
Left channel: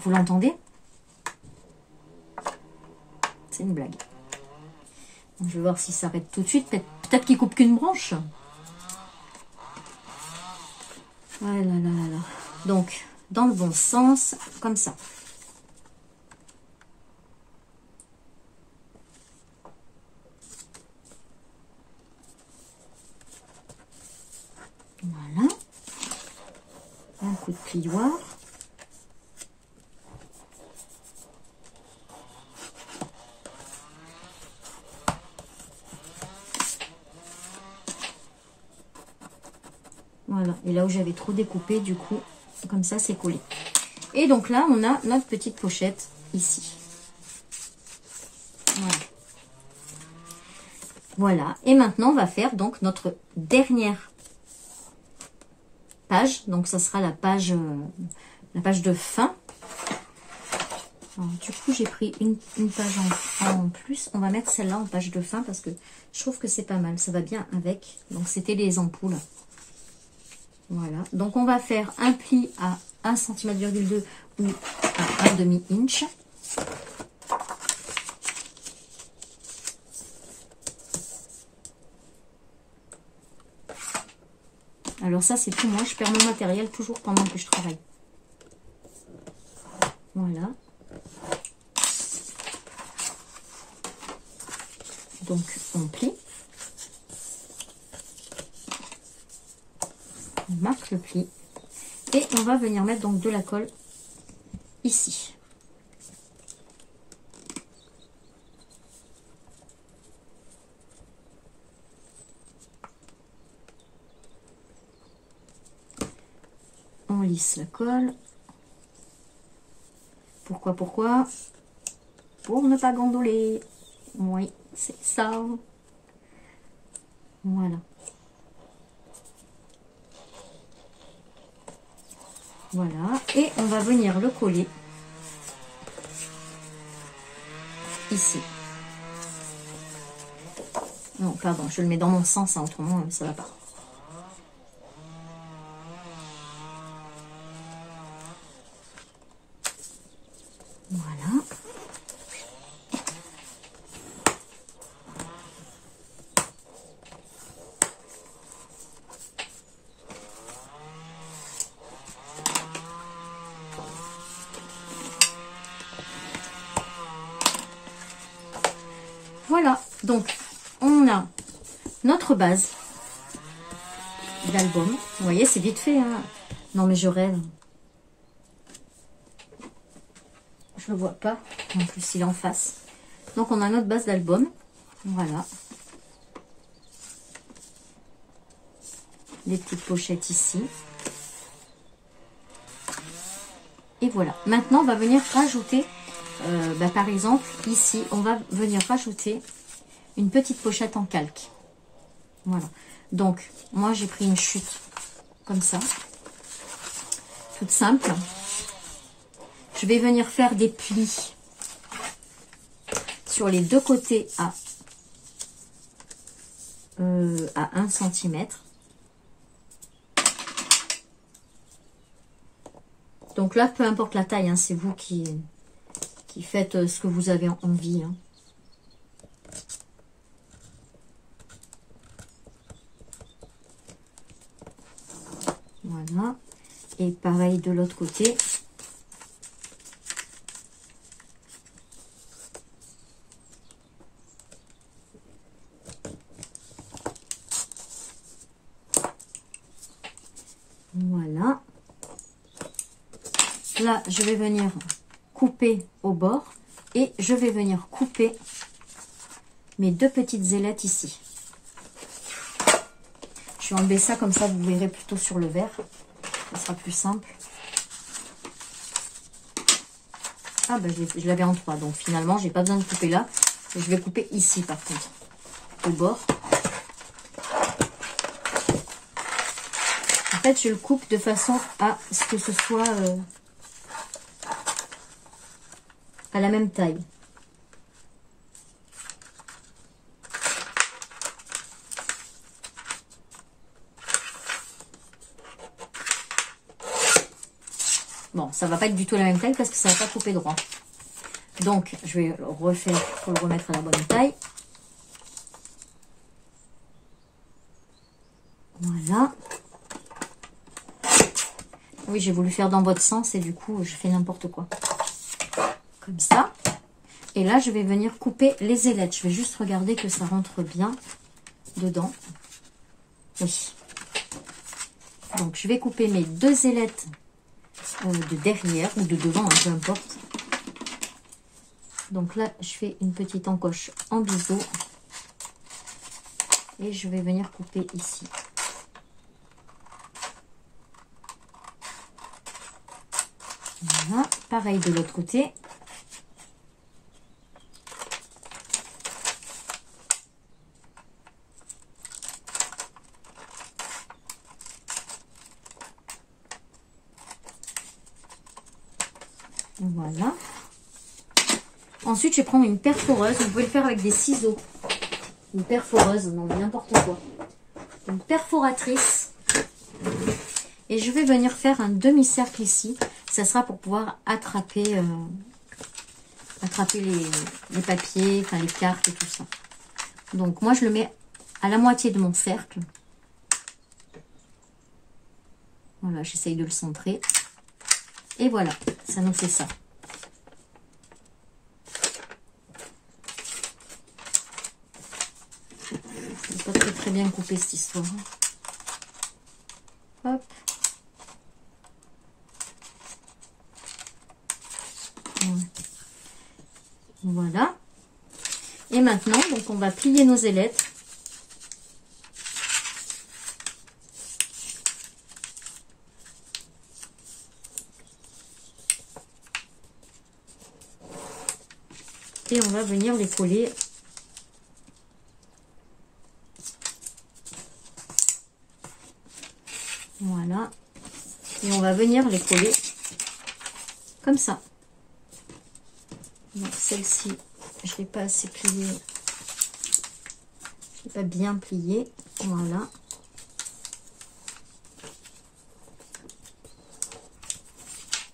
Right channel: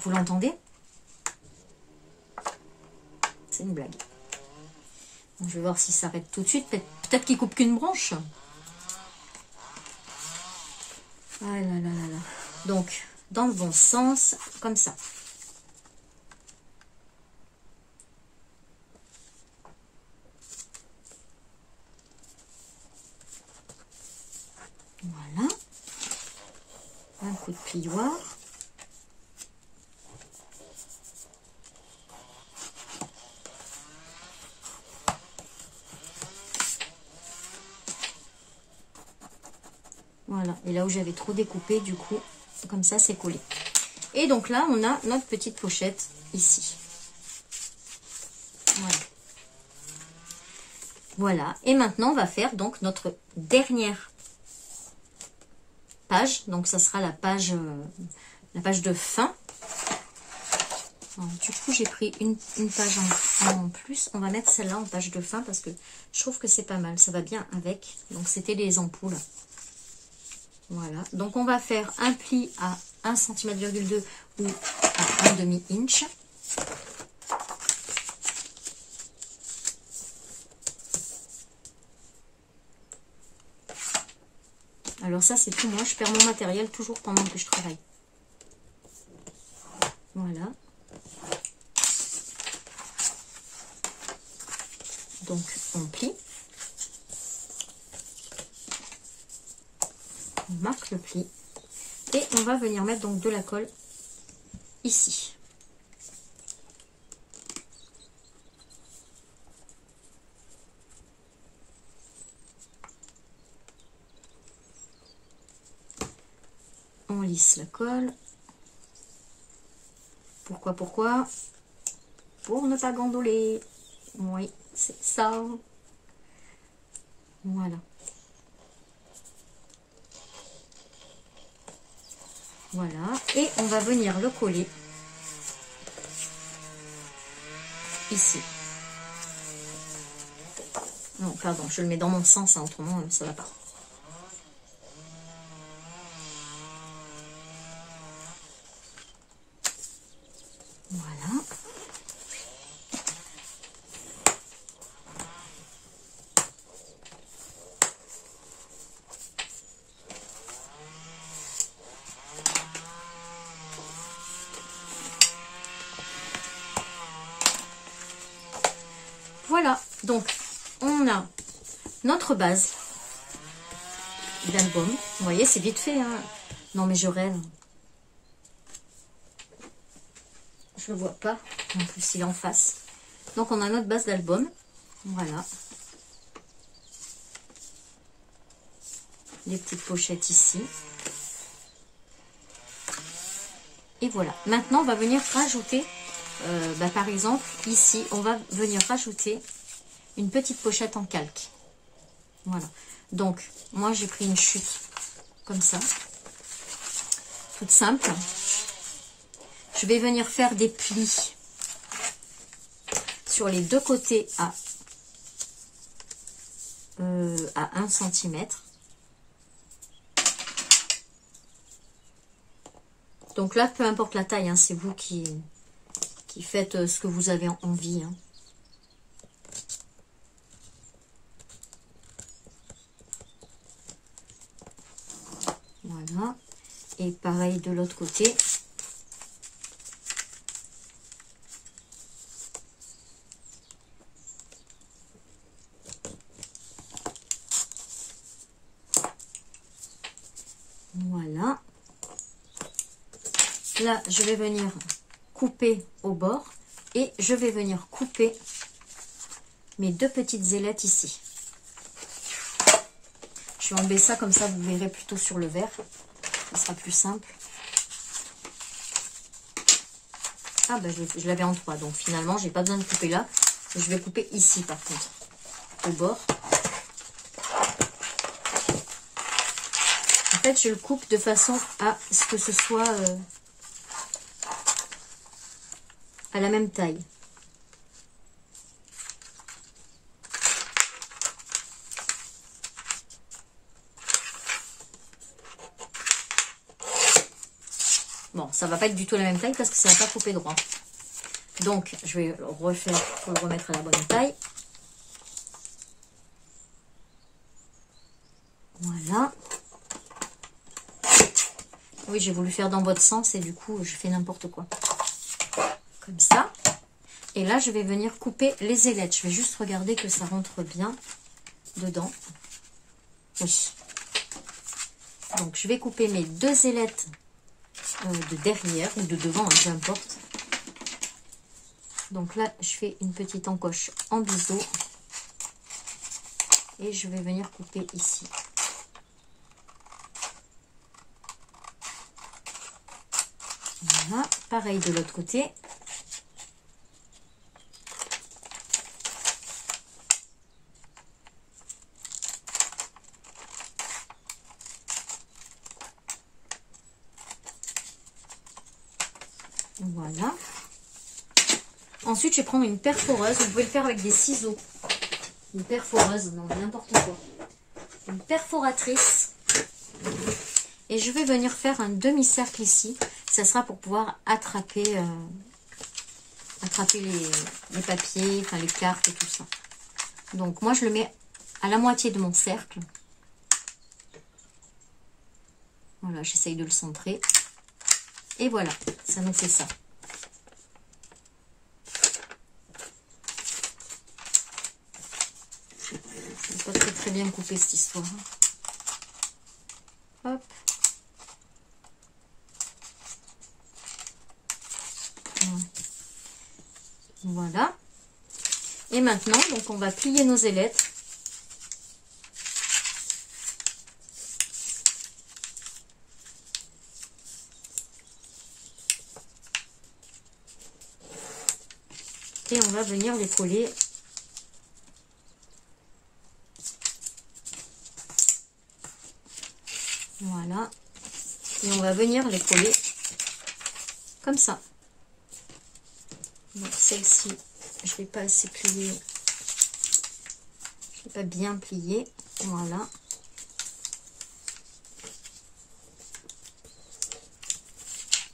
Vous l'entendez? C'est une blague. Donc, je vais voir si ça arrête tout de suite. Peut-être qu'il coupe qu'une branche. Ah là là là là. Donc, dans le bon sens, comme ça. Voilà. Un coup de plioir. Voilà. Et là où j'avais trop découpé, du coup, comme ça, c'est collé. Et donc là, on a notre petite pochette ici. Voilà. Voilà. Et maintenant, on va faire donc notre dernière page. Donc, ça sera la page de fin. Alors, du coup, j'ai pris une page en plus. On va mettre celle-là en page de fin parce que je trouve que c'est pas mal. Ça va bien avec. Donc, c'était les ampoules. Voilà. Donc, on va faire un pli à 1,2 cm ou à 1/2 inch. Alors ça, c'est tout moi. Je perds mon matériel toujours pendant que je travaille. Voilà. Donc, on plie. On marque le pli. Et on va venir mettre donc de la colle ici. On lisse la colle. Pourquoi? Pour ne pas gondoler. Oui, c'est ça. Voilà. Voilà. Et on va venir le coller ici. Donc là, bon, je le mets dans mon sens, hein, autrement, ça va pas. Voilà. Voilà, donc on a notre base d'album. Vous voyez, c'est vite fait, hein. Non mais je rêve. Je le vois pas. En plus, il est en face. Donc on a notre base d'album. Voilà. Des petites pochettes ici. Et voilà. Maintenant, on va venir rajouter, par exemple, ici, on va venir rajouter une petite pochette en calque. Voilà. Donc, moi, j'ai pris une chute comme ça. Toute simple. Je vais venir faire des plis sur les deux côtés à 1 cm. Donc là, peu importe la taille, hein, c'est vous qui faites ce que vous avez envie. Hein. Voilà. Et pareil de l'autre côté. Voilà. Là, je vais venir couper au bord et je vais venir couper mes deux petites ailettes ici. Je vais enlever ça comme ça, vous verrez plutôt sur le verre. Ça sera plus simple. Ah ben je l'avais en 3, donc finalement j'ai pas besoin de couper là. Je vais couper ici par contre, au bord. En fait je le coupe de façon à ce que ce soit à la même taille. Bon, ça va pas être du tout la même taille parce que ça va pas couper droit. Donc, je vais le refaire pour le remettre à la bonne taille. Voilà. Oui, j'ai voulu faire dans votre sens et du coup, je fais n'importe quoi. Comme ça. Et là, je vais venir couper les ailettes. Je vais juste regarder que ça rentre bien dedans. Oui. Donc, je vais couper mes deux ailettes de derrière ou de devant, hein, peu importe. Donc là, je fais une petite encoche en biseau et je vais venir couper ici. Voilà, pareil de l'autre côté. Voilà. Ensuite, je vais prendre une perforeuse. Vous pouvez le faire avec des ciseaux. Une perforeuse, non, n'importe quoi. Une perforatrice. Et je vais venir faire un demi-cercle ici. Ça sera pour pouvoir attraper, les papiers, enfin les cartes et tout ça. Donc, moi, je le mets à la moitié de mon cercle. Voilà, j'essaye de le centrer. Et voilà, ça nous fait ça. C'est pas très bien coupé cette histoire. Hop. Voilà. Et maintenant, donc on va plier nos ailettes. Et on va venir les coller. Voilà. Et on va venir les coller comme ça. Donc celle-ci, je ne l'ai pas assez pliée. Je ne l'ai pas bien pliée. Voilà.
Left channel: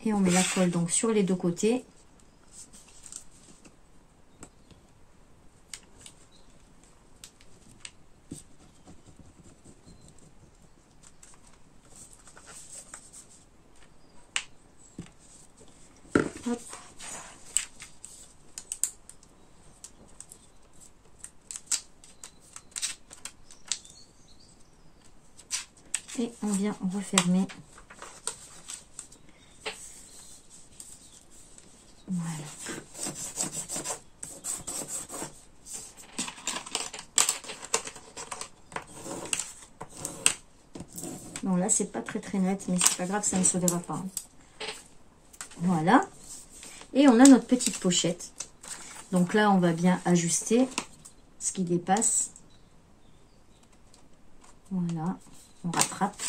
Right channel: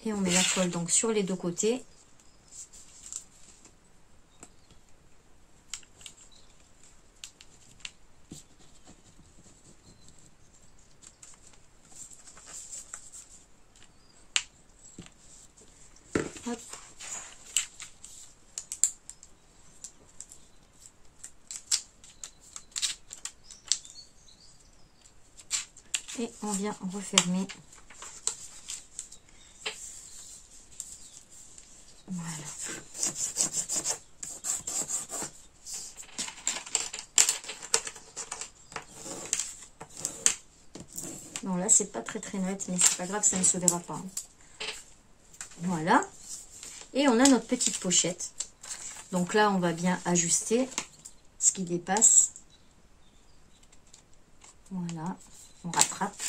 Et on met la colle donc sur les deux côtés. Et on vient refermer. Voilà. Non, là, c'est pas très net, mais c'est pas grave, ça ne se verra pas. Hein. Voilà. Et on a notre petite pochette. Donc là, on va bien ajuster ce qui dépasse. Voilà. On rattrape.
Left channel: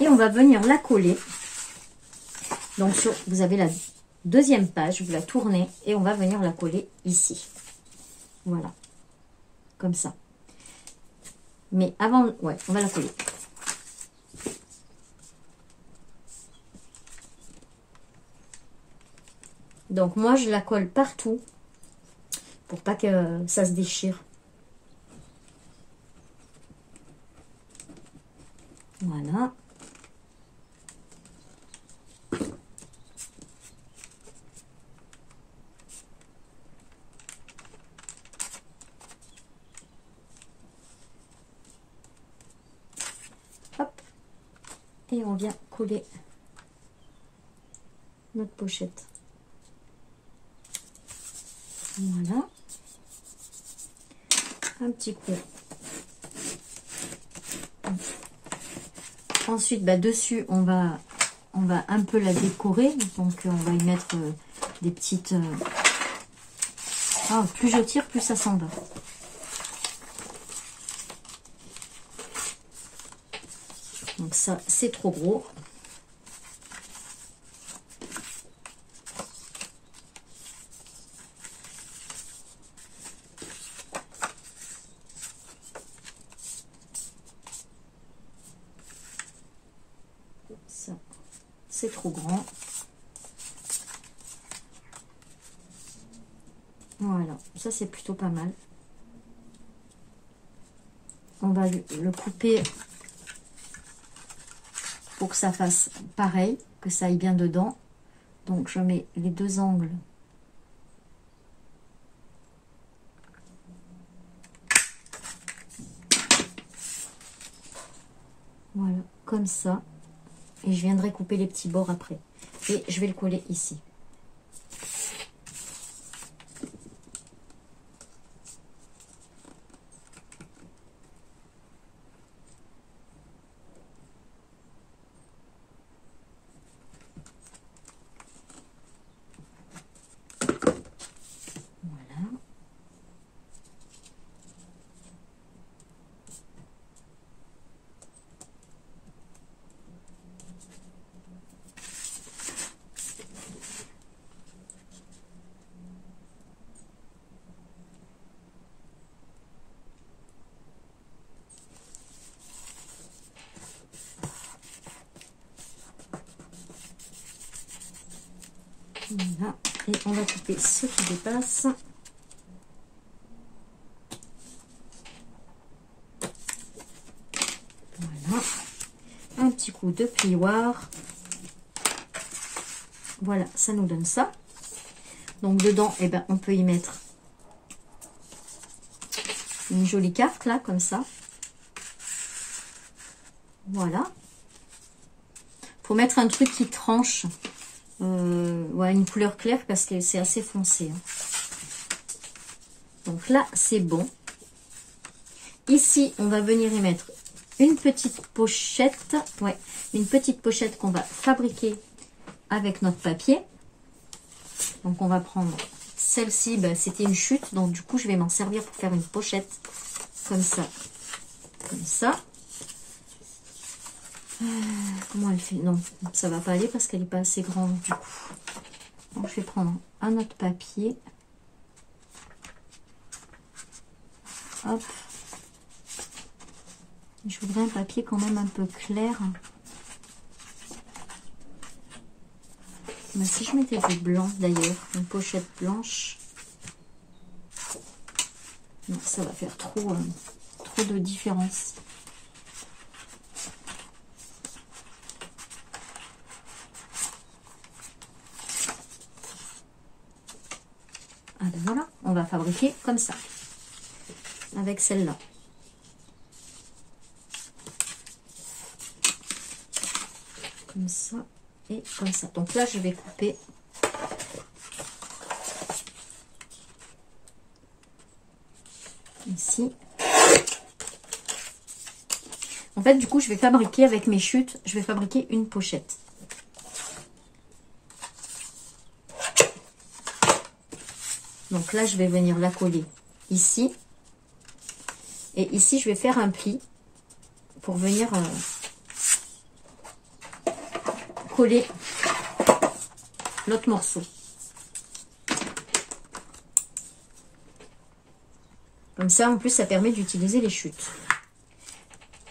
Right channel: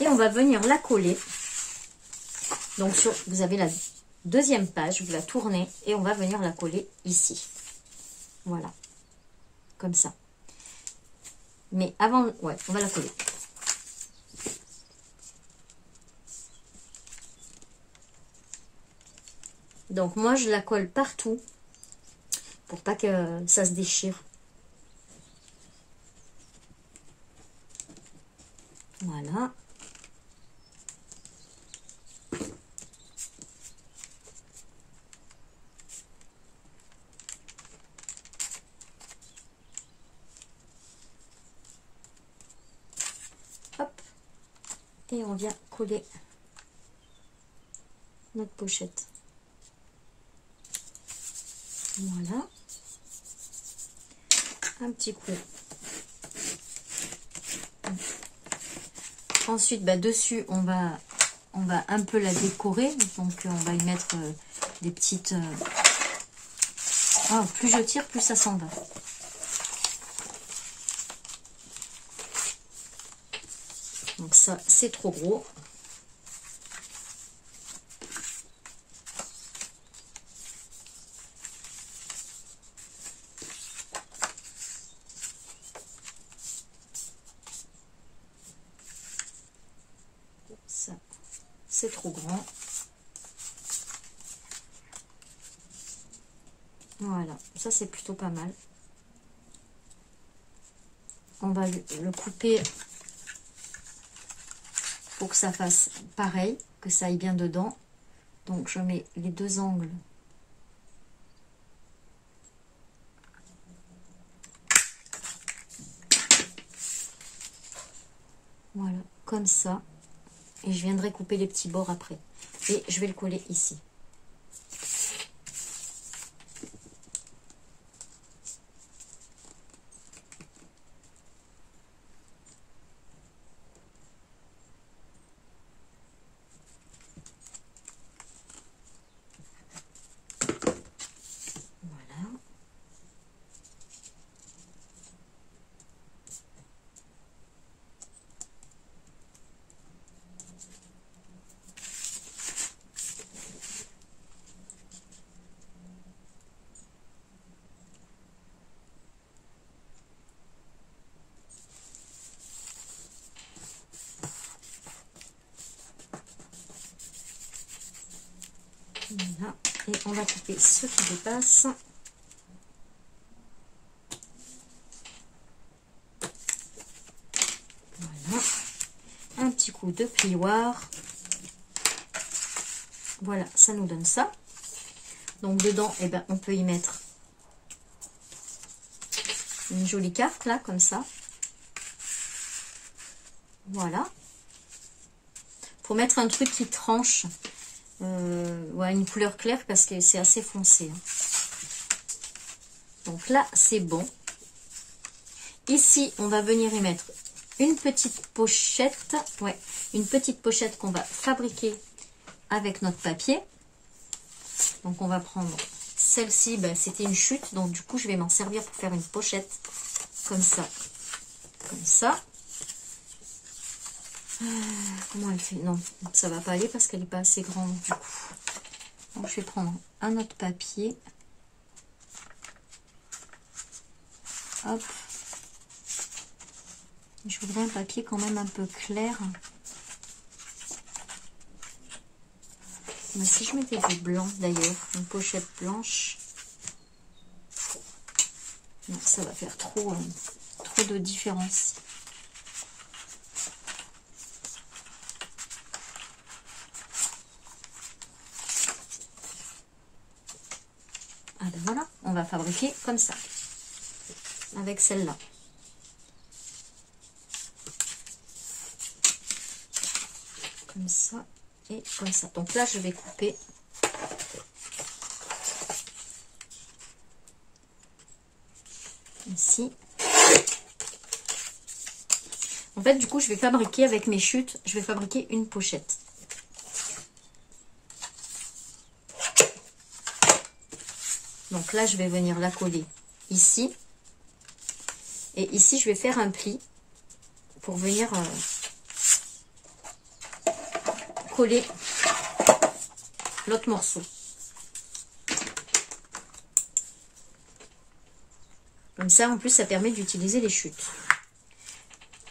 Et on va venir la coller. Donc, vous avez la deuxième page, vous la tournez et on va venir la coller ici. Voilà. Comme ça. Mais avant, ouais, on va la coller. Donc, moi, je la colle partout pour pas que ça se déchire. Voilà. Hop. Et on vient coller notre pochette. Voilà. Un petit coup. Ensuite, bah, dessus, on va un peu la décorer. Donc, on va y mettre des petites... Ah, plus je tire, plus ça s'en va. Donc ça, c'est trop gros. Ça, c'est trop grand. Voilà, ça c'est plutôt pas mal. On va le couper pour que ça fasse pareil, que ça aille bien dedans. Donc je mets les deux angles. Voilà, comme ça. Et je viendrai couper les petits bords après. Et je vais le coller ici. Voilà. Voilà. Et on va couper ce qui dépasse. Voilà. Un petit coup de plioir. Voilà, ça nous donne ça. Donc dedans, eh ben, on peut y mettre une jolie carte là, comme ça. Voilà. Faut mettre un truc qui tranche. Ouais, une couleur claire parce que c'est assez foncé. Hein. Donc là, c'est bon. Ici, on va venir y mettre une petite pochette. Ouais, une petite pochette qu'on va fabriquer avec notre papier. Donc on va prendre celle-ci. Ben, c'était une chute, donc du coup, je vais m'en servir pour faire une pochette comme ça. Comme ça. Comment elle fait? Non, ça va pas aller parce qu'elle n'est pas assez grande du coup. Donc, je vais prendre un autre papier. Hop. Je voudrais un papier quand même un peu clair. Mais si je mettais du blanc d'ailleurs, une pochette blanche. Non, ça va faire trop de différence. Ah ben voilà, on va fabriquer comme ça, avec celle-là. comme ça et comme ça. Donc là, je vais couper. Ici. En fait, du coup, je vais fabriquer avec mes chutes, je vais fabriquer une pochette. Donc là, je vais venir la coller ici. Et ici, je vais faire un pli pour venir coller l'autre morceau. Comme ça, en plus, ça permet d'utiliser les chutes.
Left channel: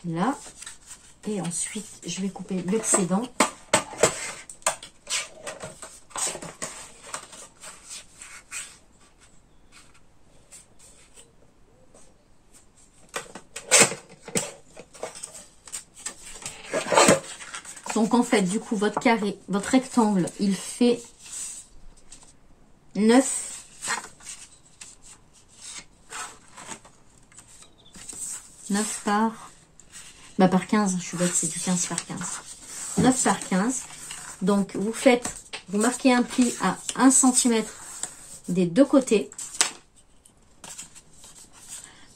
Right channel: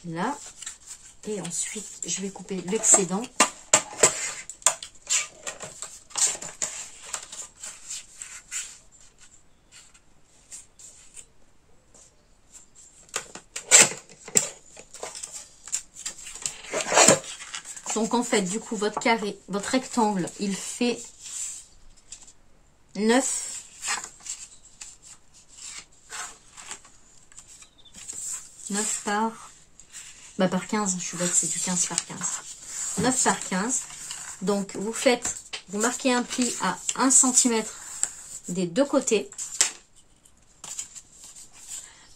Là. Et ensuite, je vais couper l'excédent. Donc, en fait, du coup, votre carré, votre rectangle, il fait 9 par 15, je suis bête, c'est du 15 par 15. 9 par 15. Donc, vous marquez un pli à 1 cm des deux côtés.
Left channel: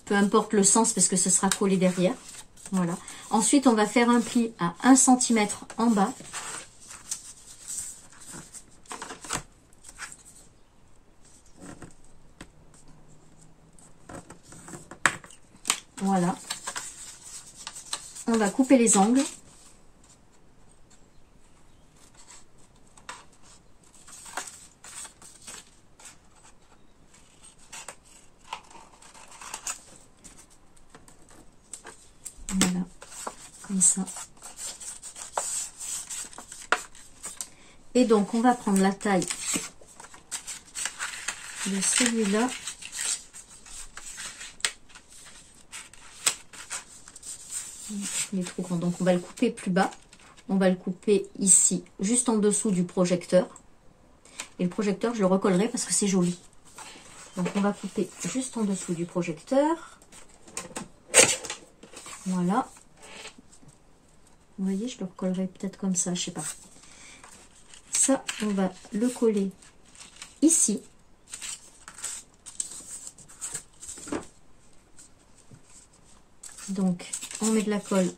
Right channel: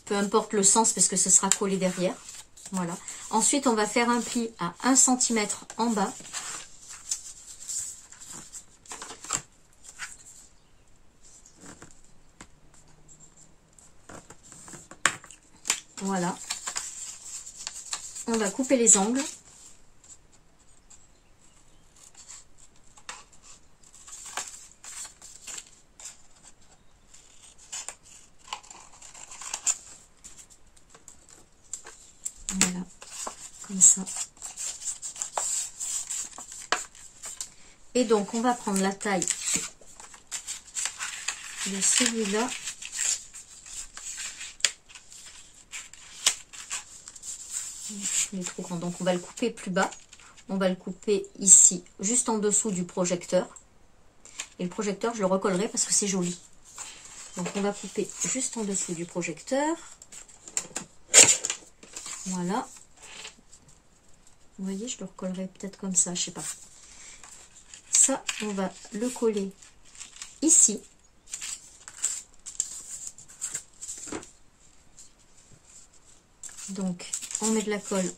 Peu importe le sens, parce que ce sera collé derrière. Voilà. Ensuite, on va faire un pli à 1 cm en bas. Voilà. On va couper les angles. Voilà, comme ça. Et donc, on va prendre la taille de celui-là. Il est trop grand, donc on va le couper plus bas. On va le couper ici, juste en dessous du projecteur. Et le projecteur, je le recollerai parce que c'est joli. Donc, on va couper juste en dessous du projecteur. Voilà. Vous voyez, je le recollerai peut-être comme ça, je sais pas. Ça, on va le coller ici. Donc, on met de la colle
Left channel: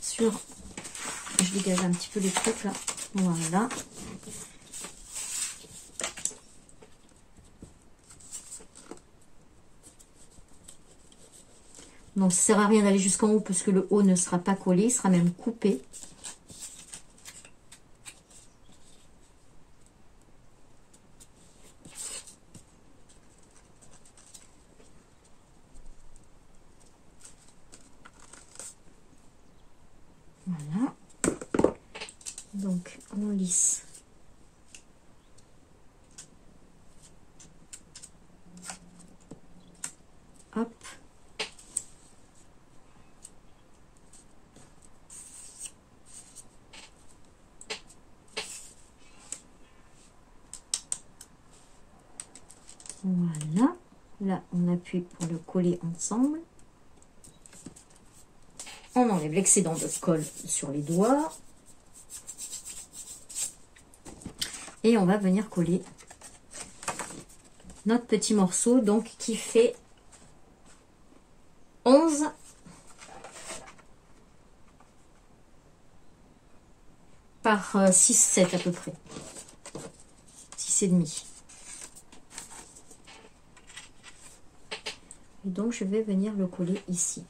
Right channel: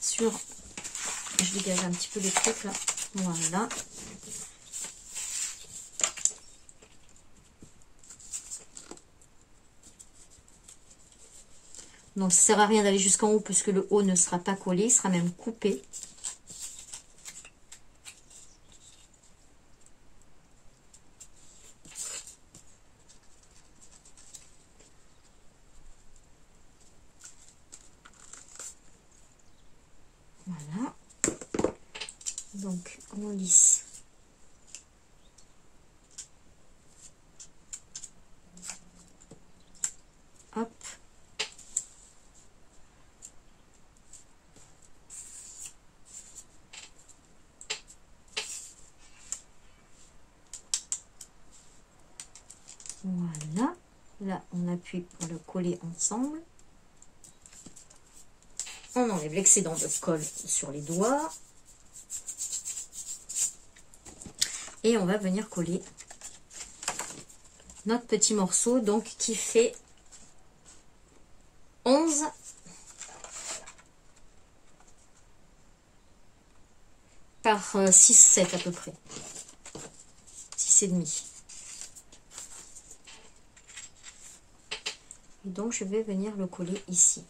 sur... Je dégage un petit peu les trucs là. Voilà. Donc, ça ne sert à rien d'aller jusqu'en haut puisque le haut ne sera pas collé, il sera même coupé. Voilà. Donc, on lisse. Hop. Voilà. Là, on appuie pour le coller ensemble. On enlève l'excédent de colle sur les doigts. Et on va venir coller notre petit morceau, donc qui fait 11 par 6, 7 à peu près. 6 et demi. Et donc, je vais venir le coller ici.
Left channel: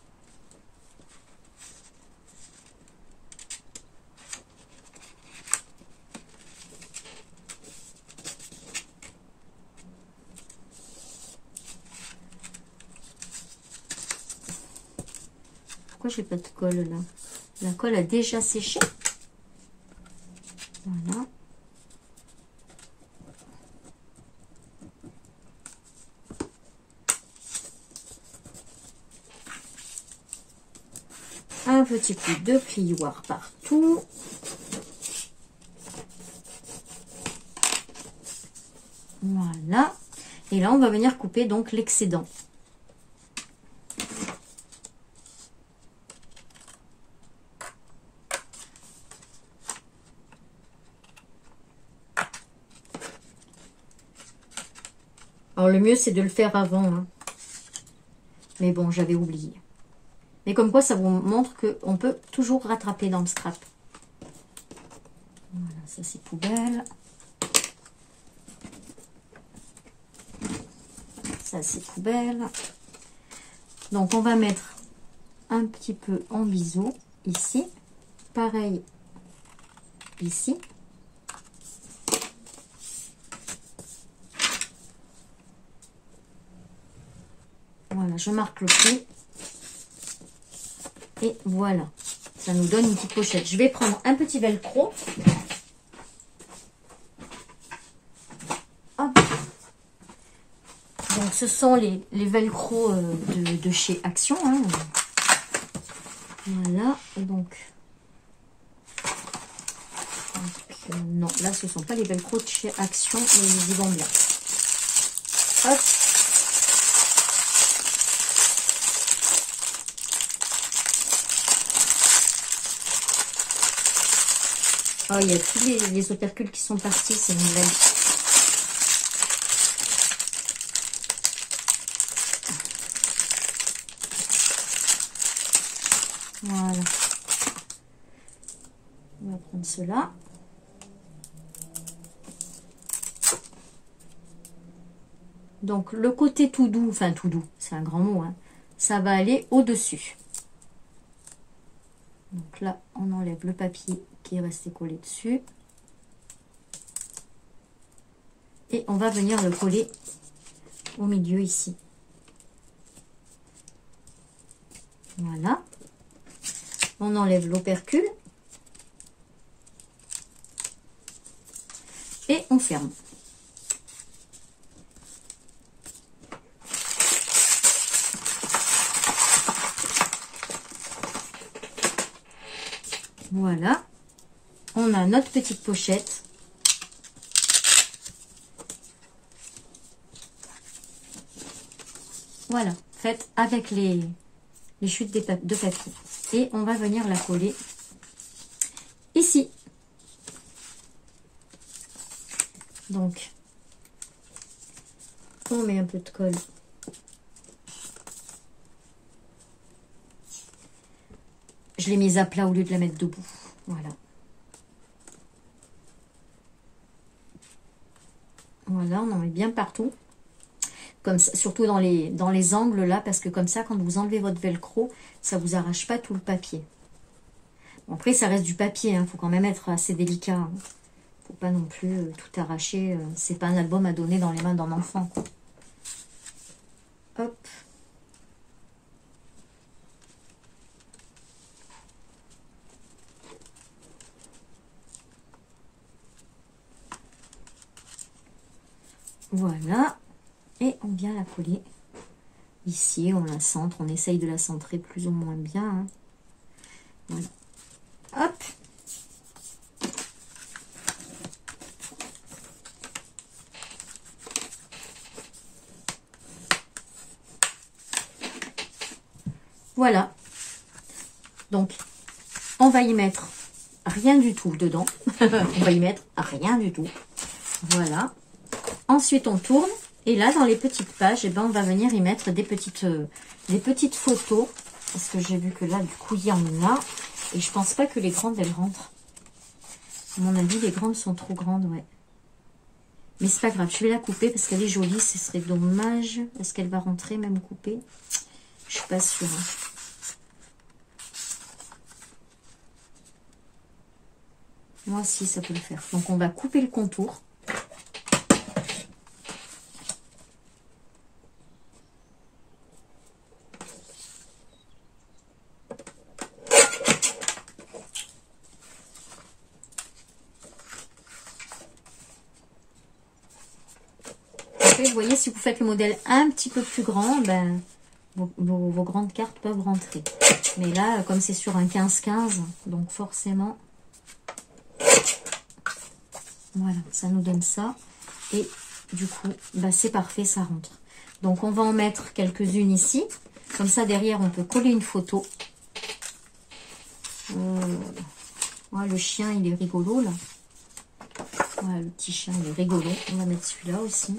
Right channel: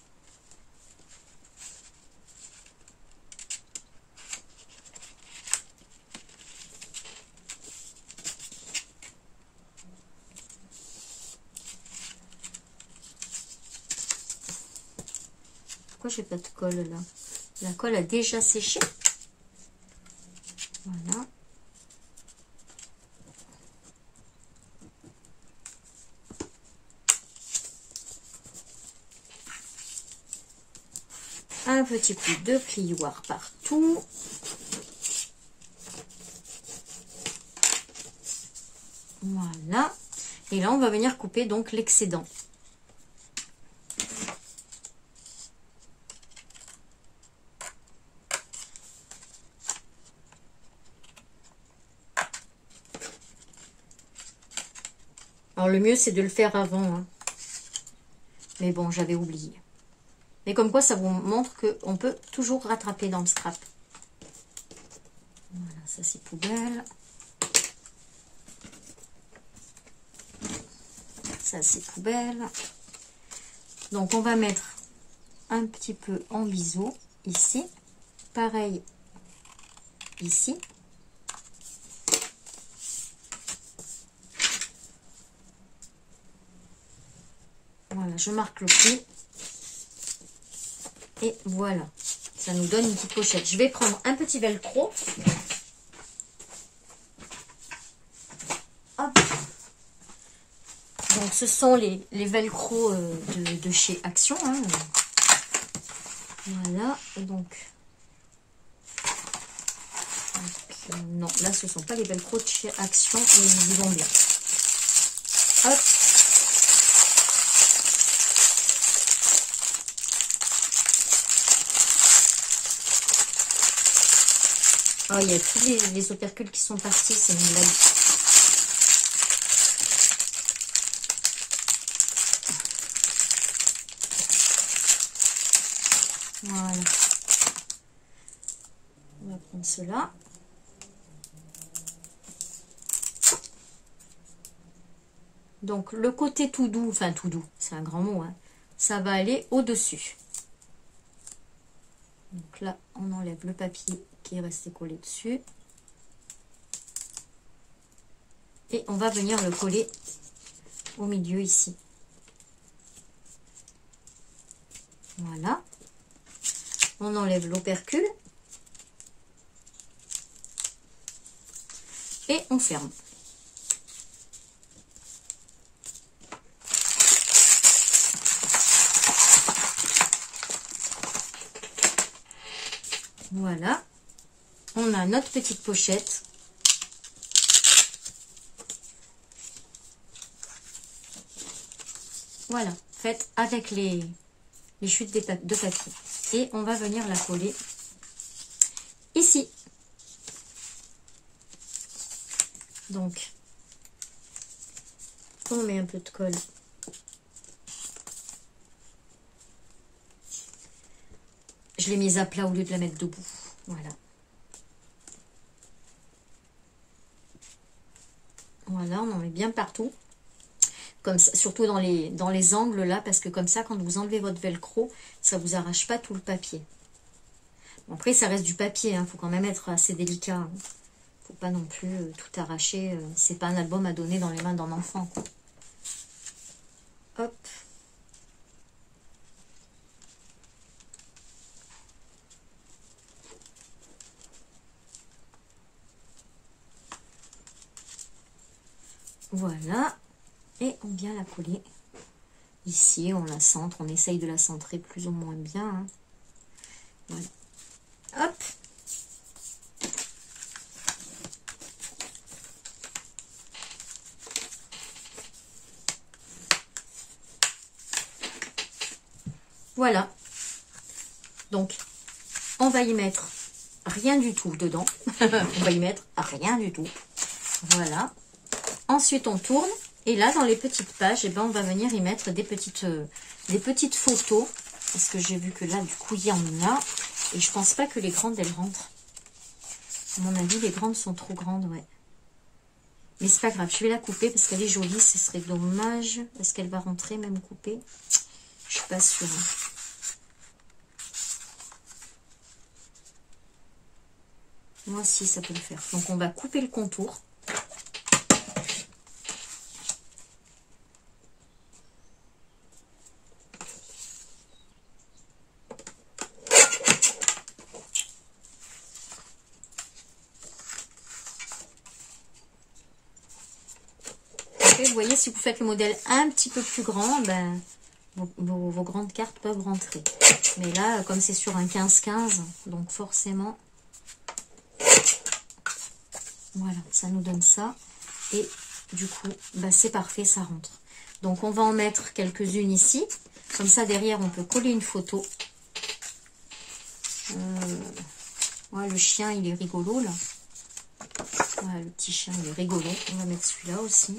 Pourquoi j'ai pas de colle là? La colle a déjà séché. Voilà. Un petit peu de plioir partout. Voilà. Et là, on va venir couper donc l'excédent. Alors le mieux c'est de le faire avant, hein. Mais bon, j'avais oublié. Mais comme quoi ça vous montre qu'on peut toujours rattraper dans le strap. Voilà, ça c'est poubelle. Ça c'est poubelle. Donc on va mettre un petit peu en biseau ici. Pareil ici. Voilà, je marque le pli. Et voilà. Ça nous donne une petite pochette. Je vais prendre un petit velcro. Hop. Donc ce sont les velcro de chez Action, hein. Voilà, donc non, là ce sont pas les velcro de chez Action, mais ils y vont bien. Hop. Oh, il y a tous les opercules qui sont partis, c'est une blague. Voilà. On va prendre cela. Donc, le côté tout doux, enfin tout doux, c'est un grand mot, hein, ça va aller au-dessus. Donc là, on enlève le papier qui est resté collé dessus. Et on va venir le coller au milieu ici. Voilà. On enlève l'opercule. Et on ferme. Voilà. On a notre petite pochette. Voilà, faite avec les chutes de papier. Et on va venir la coller ici. Donc, on met un peu de colle. Je l'ai mise à plat au lieu de la mettre debout. Voilà. Voilà, on en met bien partout. Comme ça, surtout dans les angles là, parce que comme ça, quand vous enlevez votre velcro, ça vous arrache pas tout le papier. Bon, après, ça reste du papier, hein, faut quand même être assez délicat. Hein. Faut pas non plus tout arracher. C'est pas un album à donner dans les mains d'un enfant, quoi. Hop. Voilà. Et on vient la coller ici, on la centre, on essaye de la centrer plus ou moins bien. Hein. Voilà. Hop. Voilà. Donc, on va y mettre rien du tout dedans. On va y mettre rien du tout. Voilà. Ensuite, on tourne. Et là, dans les petites pages, eh ben, on va venir y mettre des petites photos. Parce que j'ai vu que là, du coup, il y en a. Et je pense pas que les grandes, elles rentrent. À mon avis, les grandes sont trop grandes, ouais. Mais c'est pas grave, je vais la couper parce qu'elle est jolie. Ce serait dommage. Est-ce qu'elle va rentrer, même coupée? Je suis pas sûre. Moi aussi, ça peut le faire. Donc, on va couper le contour. Vous voyez, si vous faites le modèle un petit peu plus grand, ben, vos grandes cartes peuvent rentrer. Mais là, comme c'est sur un 15-15, donc forcément, voilà, ça nous donne ça. Et du coup, ben, c'est parfait, ça rentre. Donc, on va en mettre quelques-unes ici. Comme ça, derrière, on peut coller une photo. Ouais, le chien, il est rigolo, là. Ouais, le petit chien, il est rigolo. On va mettre celui-là aussi.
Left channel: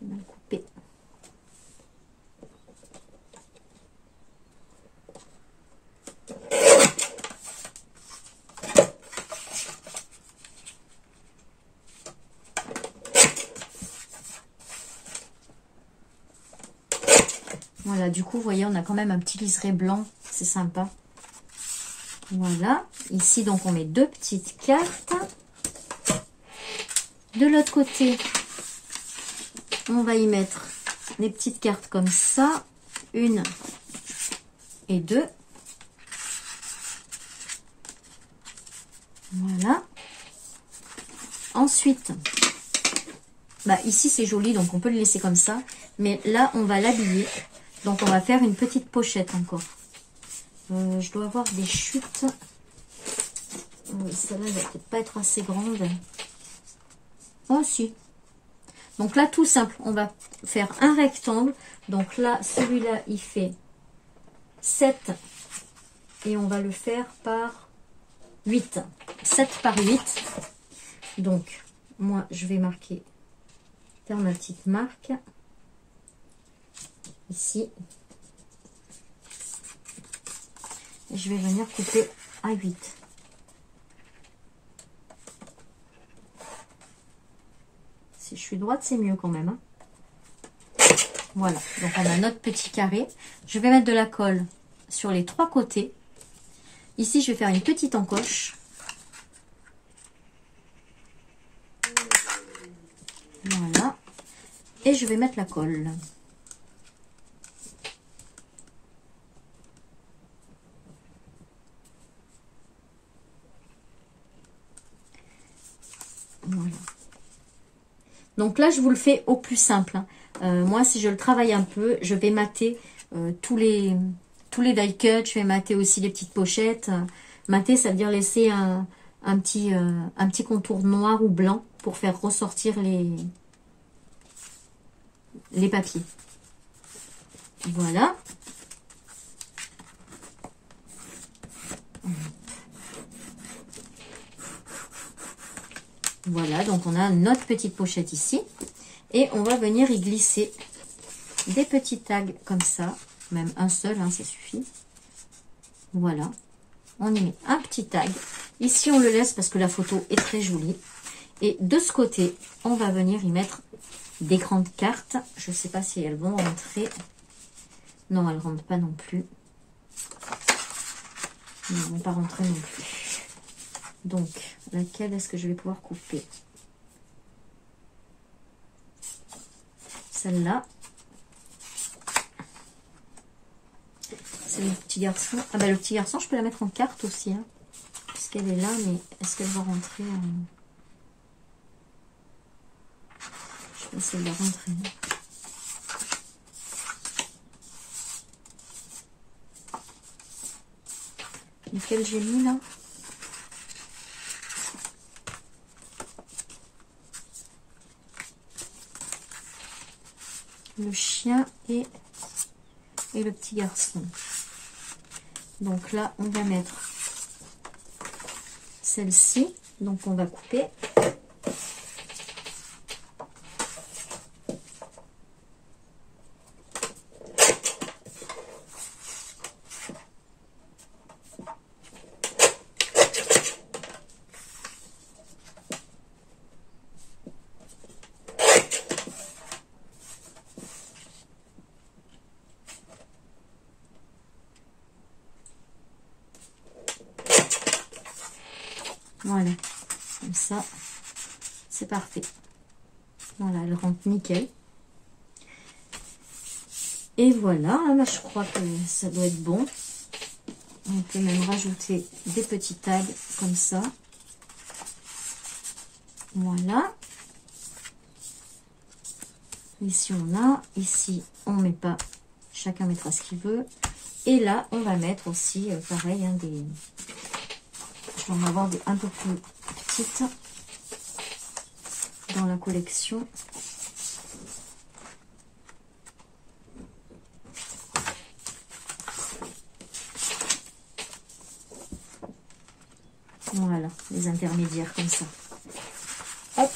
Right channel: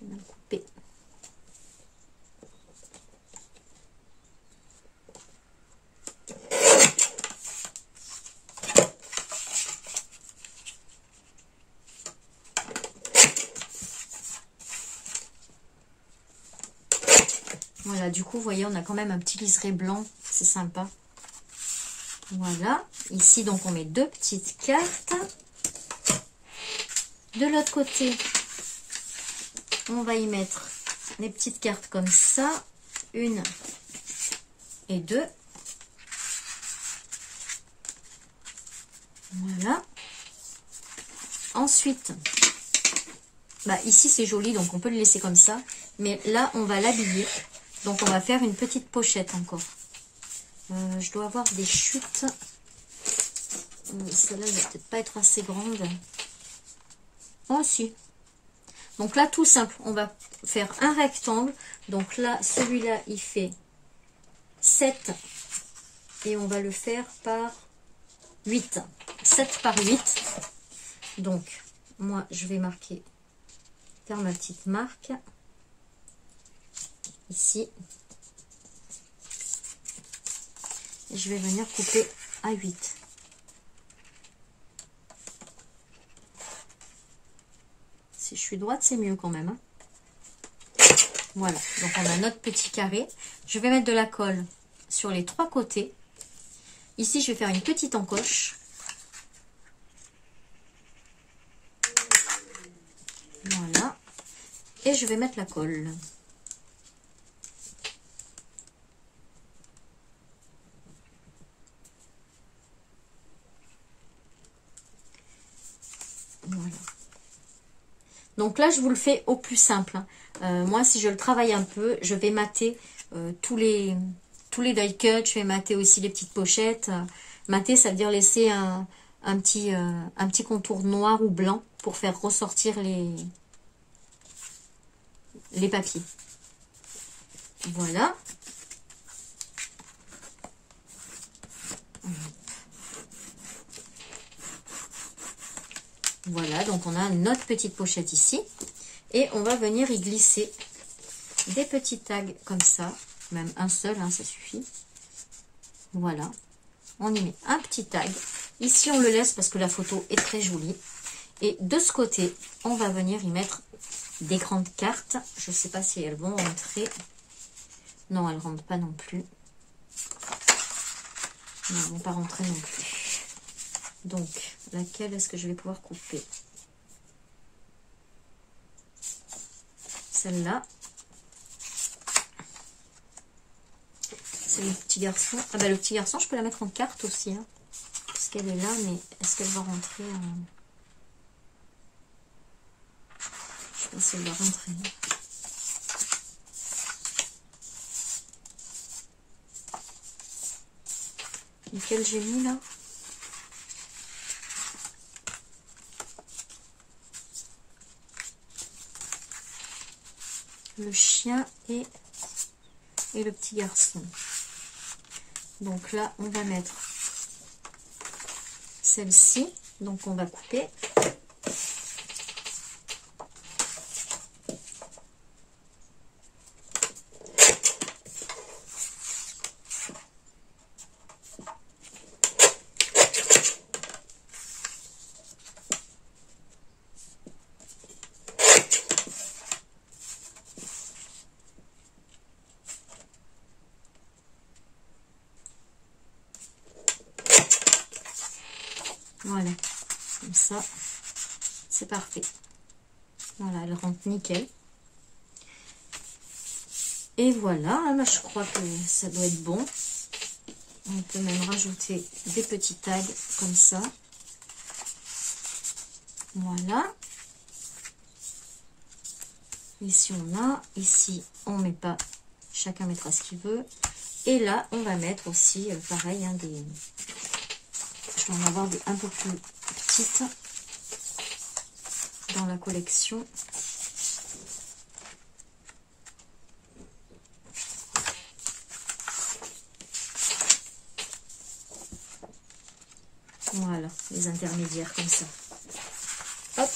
J'ai mal coupé. Voilà, du coup, vous voyez, on a quand même un petit liseré blanc. C'est sympa. Voilà. Ici, donc, on met 2 petites cartes. De l'autre côté, on va y mettre les petites cartes comme ça. 1 et 2. Voilà. Ensuite, bah, ici, c'est joli, donc on peut le laisser comme ça. Mais là, on va l'habiller. Donc, on va faire une petite pochette encore. Je dois avoir des chutes. Celle-là, elle va peut-être pas être assez grande. Oh, si. Donc là, tout simple, on va faire un rectangle. Donc là, celui-là, il fait 7. Et on va le faire par 8. 7 par 8. Donc, moi, je vais marquer, faire ma petite marque. Ici. Et je vais venir couper à 8. Si je suis droite, c'est mieux quand même. Hein. Voilà, donc on a notre petit carré. Je vais mettre de la colle sur les 3 côtés. Ici, je vais faire une petite encoche. Voilà. Et je vais mettre la colle. Voilà. Donc là, je vous le fais au plus simple. Moi, si je le travaille un peu, je vais mater tous les die cuts. Je vais mater aussi les petites pochettes. Mater, ça veut dire laisser un petit contour noir ou blanc pour faire ressortir les papiers. Voilà. Voilà, donc on a notre petite pochette ici. Et on va venir y glisser des petits tags comme ça. Même un seul, hein, ça suffit. Voilà. On y met un petit tag. Ici, on le laisse parce que la photo est très jolie. Et de ce côté, on va venir y mettre des grandes cartes. Je ne sais pas si elles vont rentrer. Non, elles ne rentrent pas non plus. Non, elles ne vont pas rentrer non plus. Donc, laquelle est-ce que je vais pouvoir couper? Celle-là. C'est le petit garçon. Ah bah le petit garçon, je peux la mettre en carte aussi. Hein, puisqu'elle est là, mais est-ce qu'elle va rentrer en... Je sais pas si elle va rentrer. Lequel j'ai mis là? Le chien et le petit garçon. Donc là, on va mettre celle-ci. Donc on va couper. Voilà, comme ça, c'est parfait. Voilà, elle rentre nickel. Et voilà, là, je crois que ça doit être bon. On peut même rajouter des petits tags comme ça. Voilà. Ici, on a. Ici, on met pas. Chacun mettra ce qu'il veut. Et là, on va mettre aussi, pareil, hein, des... Je vais en avoir des un peu plus petites dans la collection. Voilà, les intermédiaires comme ça. Hop.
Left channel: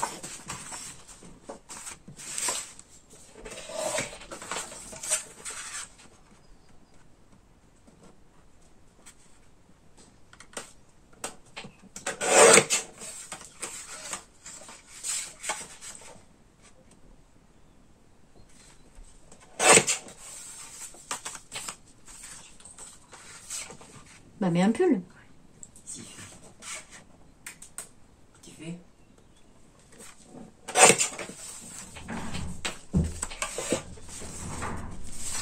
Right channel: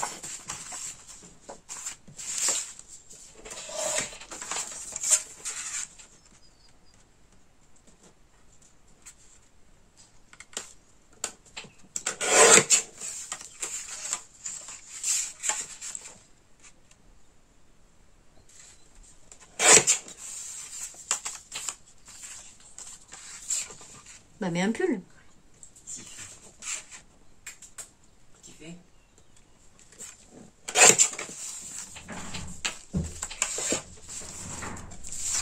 Bah, mets un pull. Si. Qui fait?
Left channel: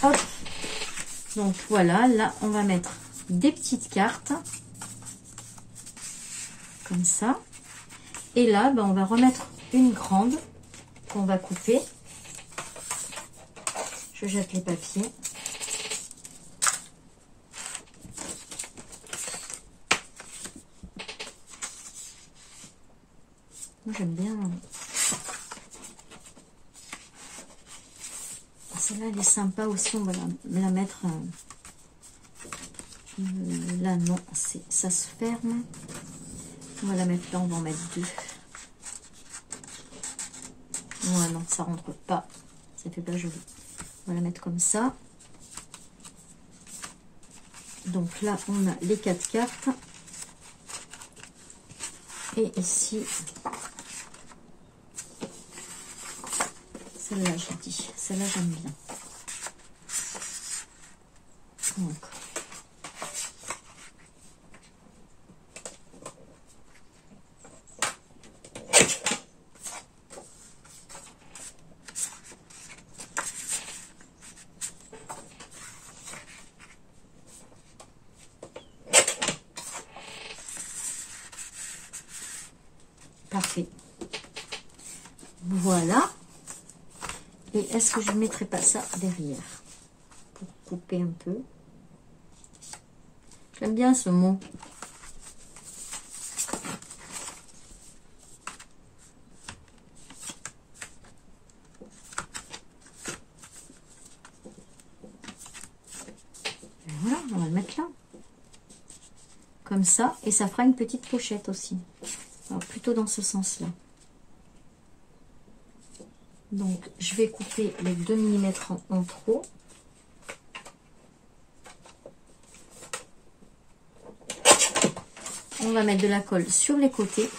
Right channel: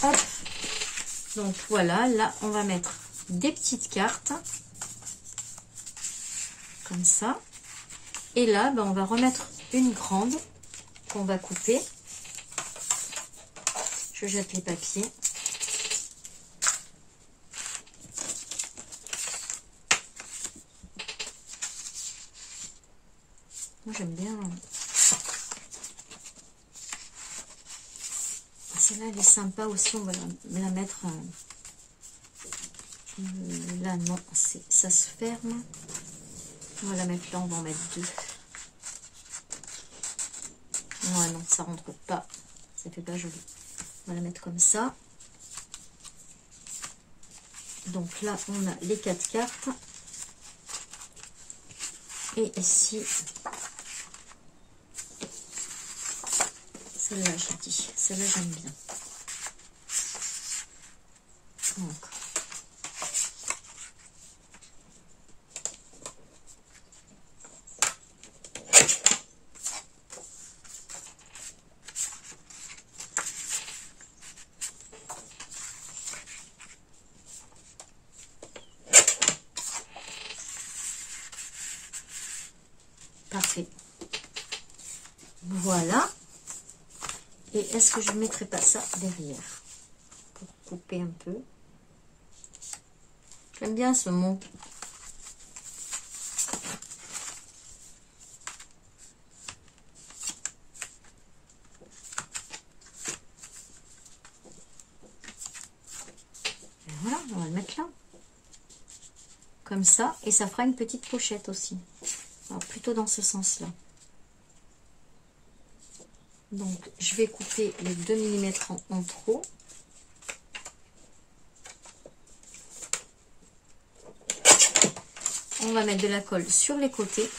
Hop. Donc voilà, là on va mettre des petites cartes. Comme ça. Et là, ben, on va remettre une grande qu'on va couper. Je jette les papiers. Moi j'aime bien. Celle-là elle est sympa aussi, on va la mettre là. Non, ça se ferme. On va la mettre là, on va en mettre deux. Ouais, non, ça rentre pas, ça fait pas joli. On va la mettre comme ça. Donc là on a les 4 cartes. Et ici, celle-là, je dis, celle-là, j'aime bien. Donc, parfait. Voilà. Et est-ce que je ne mettrai pas ça derrière pour couper un peu? J'aime bien ce mot. Et voilà, on va le mettre là. Comme ça. Et ça fera une petite pochette aussi. Alors, plutôt dans ce sens-là. Donc, je vais couper les 2 mm en trop. On va mettre de la colle sur les côtés.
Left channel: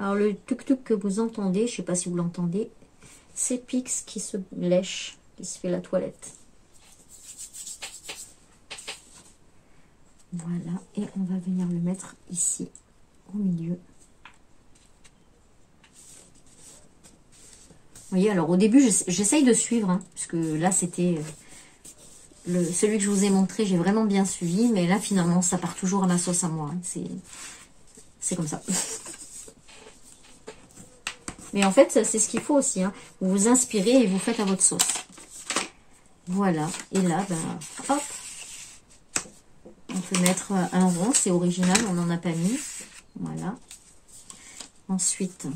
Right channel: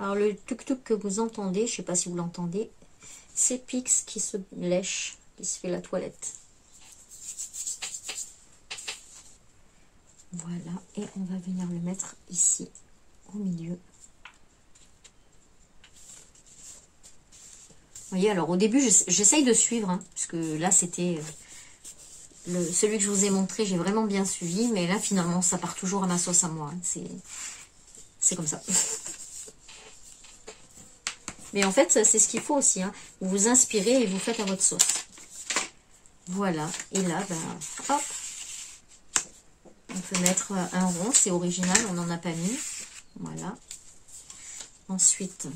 Alors, le tuc-tuc que vous entendez, je ne sais pas si vous l'entendez, c'est Pix qui se lèche, qui se fait la toilette. Voilà, et on va venir le mettre ici, au milieu. Vous voyez, alors au début, j'essaye de suivre, hein, parce que là, c'était celui que je vous ai montré, j'ai vraiment bien suivi, mais là, finalement, ça part toujours à ma sauce à moi. Hein, c'est comme ça. Mais en fait, c'est ce qu'il faut aussi. Hein. Vous vous inspirez et vous faites à votre sauce. Voilà. Et là, ben, hop. On peut mettre un rond. C'est original, on n'en a pas mis. Voilà. Ensuite,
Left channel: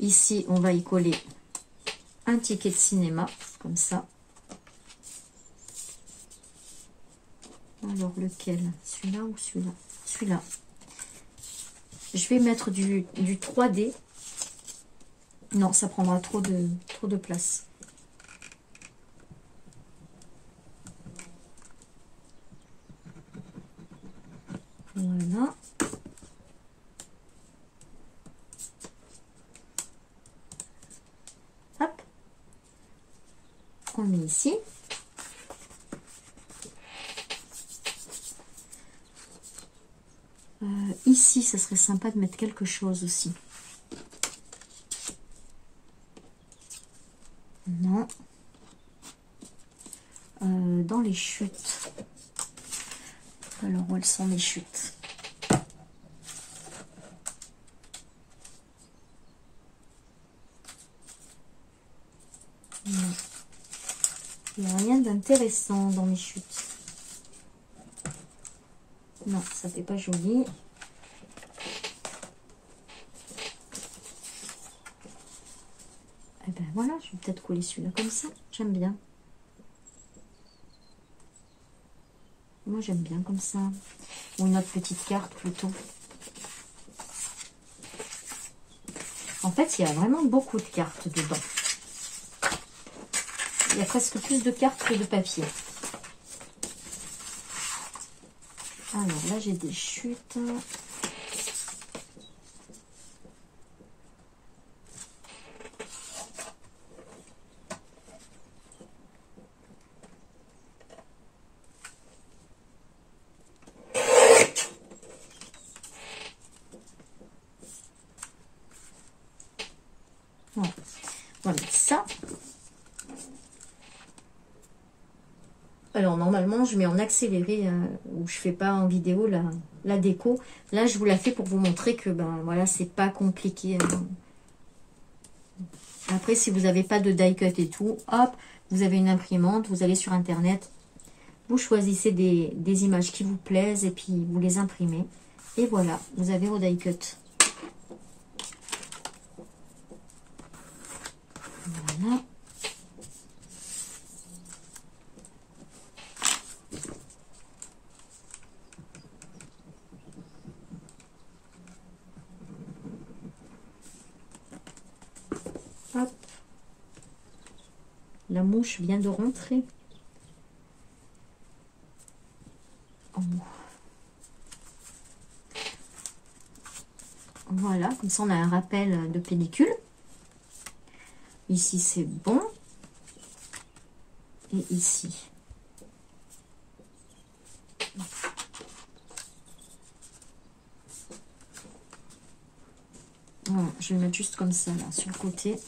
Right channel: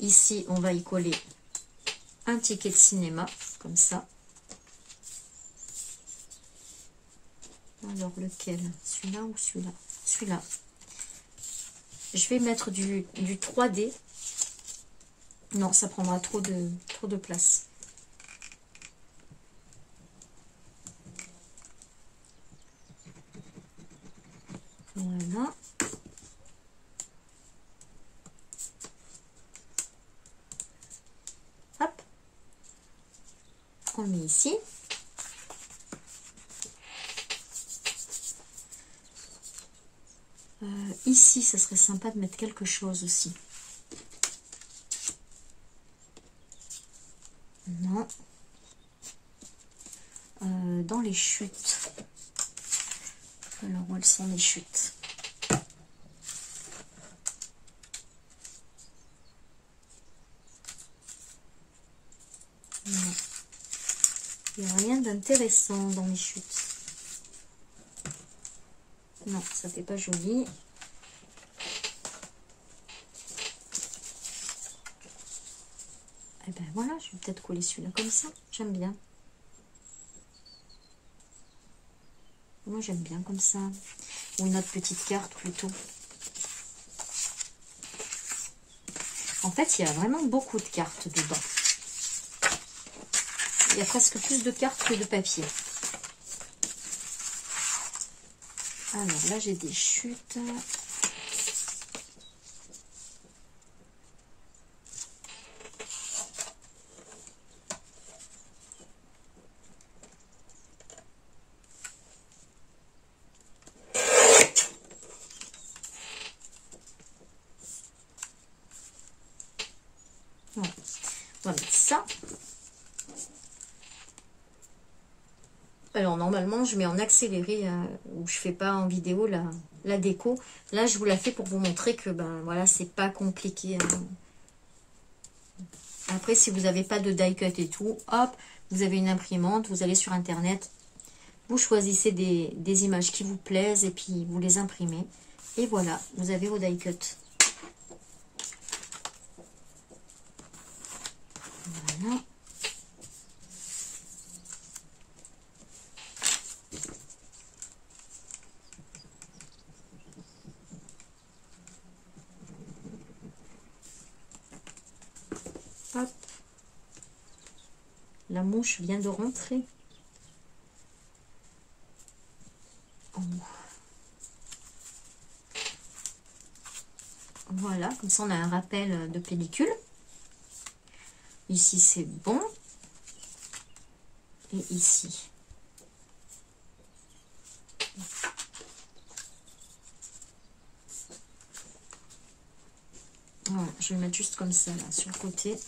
ici, on va y coller un ticket de cinéma. Comme ça. Alors, lequel? Celui-là ou celui-là? Celui-là. Je vais mettre du 3D. Non, ça prendra trop de place. Voilà. Hop. On met ici. Ici, ça serait sympa de mettre quelque chose aussi. Non. Dans les chutes. Alors, où elles sont les chutes? Non. Il n'y a rien d'intéressant dans les chutes. Non, ça fait pas joli. Eh ben voilà, je vais peut-être coller celui-là comme ça. J'aime bien. Moi, j'aime bien comme ça. Ou une autre petite carte plutôt. En fait, il y a vraiment beaucoup de cartes dedans. Il y a presque plus de cartes que de papier. Alors là, j'ai des chutes. Voilà. On va mettre ça. Alors normalement je mets en accéléré ou je fais pas en vidéo la déco. Là je vous la fais pour vous montrer que ben voilà, c'est pas compliqué. Après si vous n'avez pas de die cut et tout, hop, vous avez une imprimante, vous allez sur internet, vous choisissez des images qui vous plaisent et puis vous les imprimez. Et voilà, vous avez vos die cut. Voilà. Hop. La mouche vient de rentrer. Oh. Voilà, comme ça on a un rappel de pellicule. Ici c'est bon. Et ici. Voilà, je vais le mettre juste comme ça là sur le côté.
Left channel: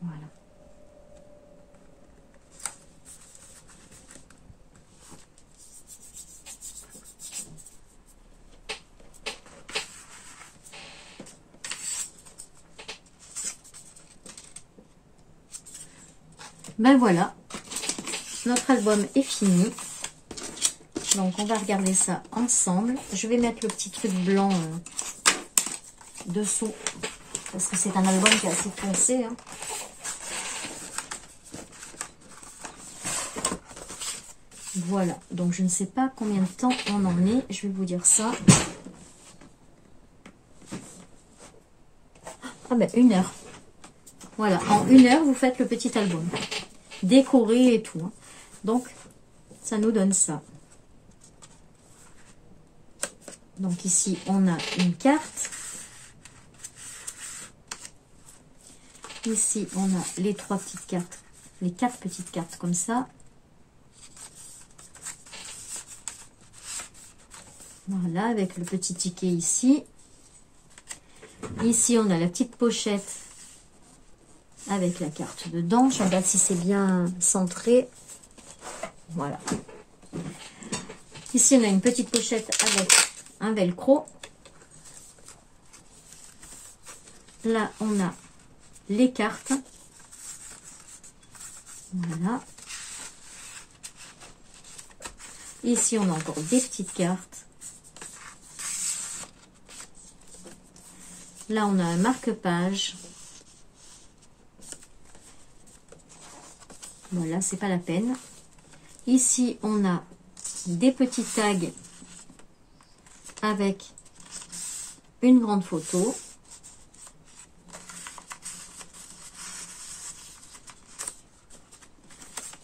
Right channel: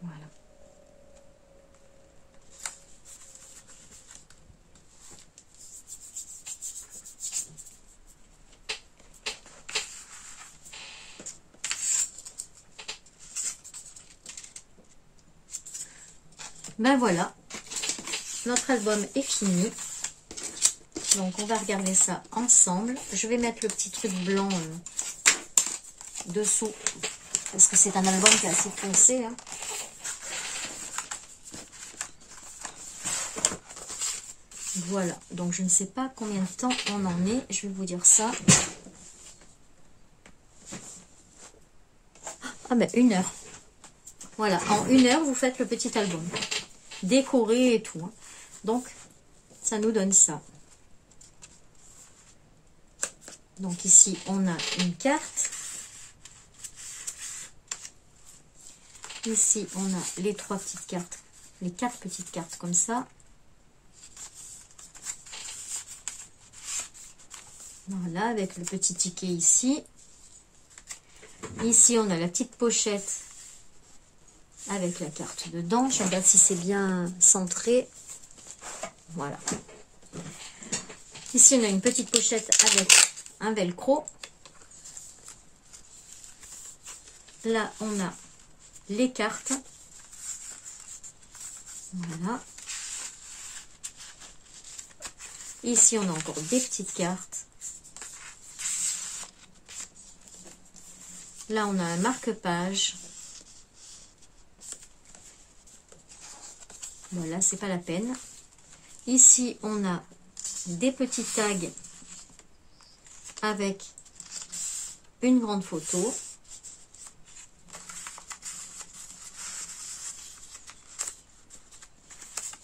Voilà. Ben voilà, notre album est fini. Donc on va regarder ça ensemble. Je vais mettre le petit truc blanc dessous parce que c'est un album qui est assez foncé. Hein. Voilà, donc je ne sais pas combien de temps on en est. Je vais vous dire ça. Ah ben 1 heure. Voilà, en 1 heure, vous faites le petit album. Décoré et tout. Hein. Donc, ça nous donne ça. Donc ici, on a une carte. Ici, on a les 3 petites cartes. Les 4 petites cartes comme ça. Voilà, avec le petit ticket ici. Ici, on a la petite pochette avec la carte dedans. Je regarde si c'est bien centré. Voilà. Ici, on a une petite pochette avec un velcro. Là, on a les cartes. Voilà. Ici, on a encore des petites cartes. Là, on a un marque-page. Voilà, c'est pas la peine. Ici, on a des petits tags avec une grande photo.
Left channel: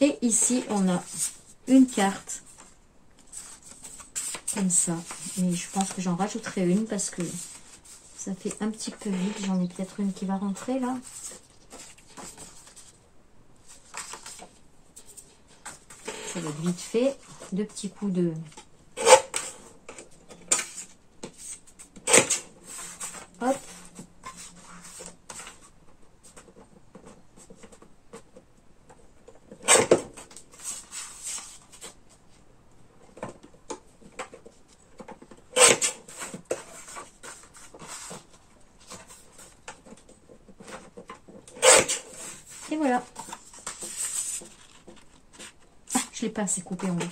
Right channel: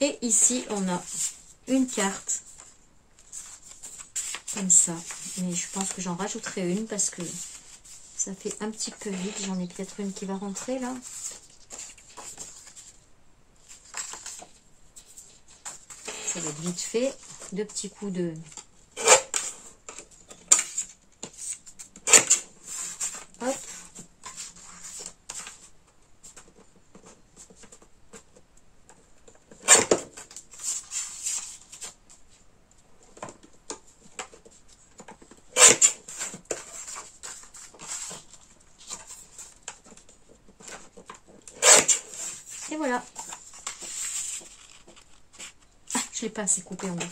Et ici, on a une carte comme ça. Mais je pense que j'en rajouterai une parce que ça fait un petit peu vite. J'en ai peut-être une qui va rentrer là. Ça va être vite fait. 2 petits coups de... Hop. Et voilà. Ah, je l'ai pas assez coupé en deux.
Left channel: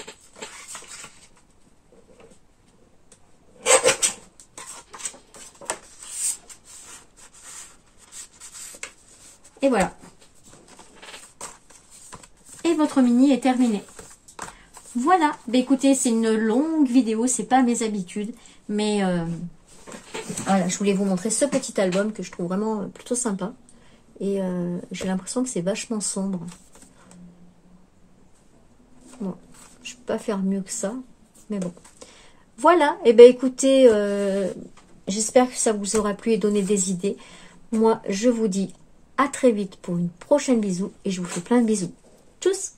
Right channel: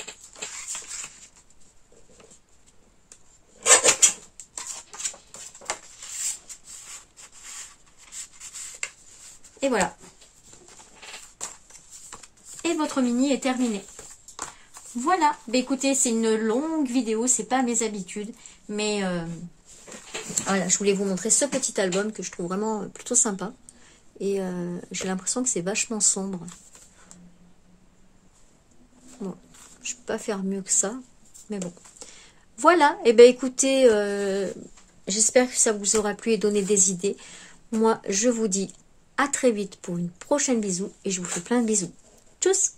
Et voilà. Et votre mini est terminé. Voilà. Bah, écoutez, c'est une longue vidéo, c'est pas mes habitudes. Mais voilà, je voulais vous montrer ce petit album que je trouve vraiment plutôt sympa. Et j'ai l'impression que c'est vachement sombre. Bon, je ne peux pas faire mieux que ça. Mais bon. Voilà, et ben écoutez, j'espère que ça vous aura plu et donné des idées. Moi, je vous dis à très vite pour une prochaine bisou. Et je vous fais plein de bisous. Tchuss!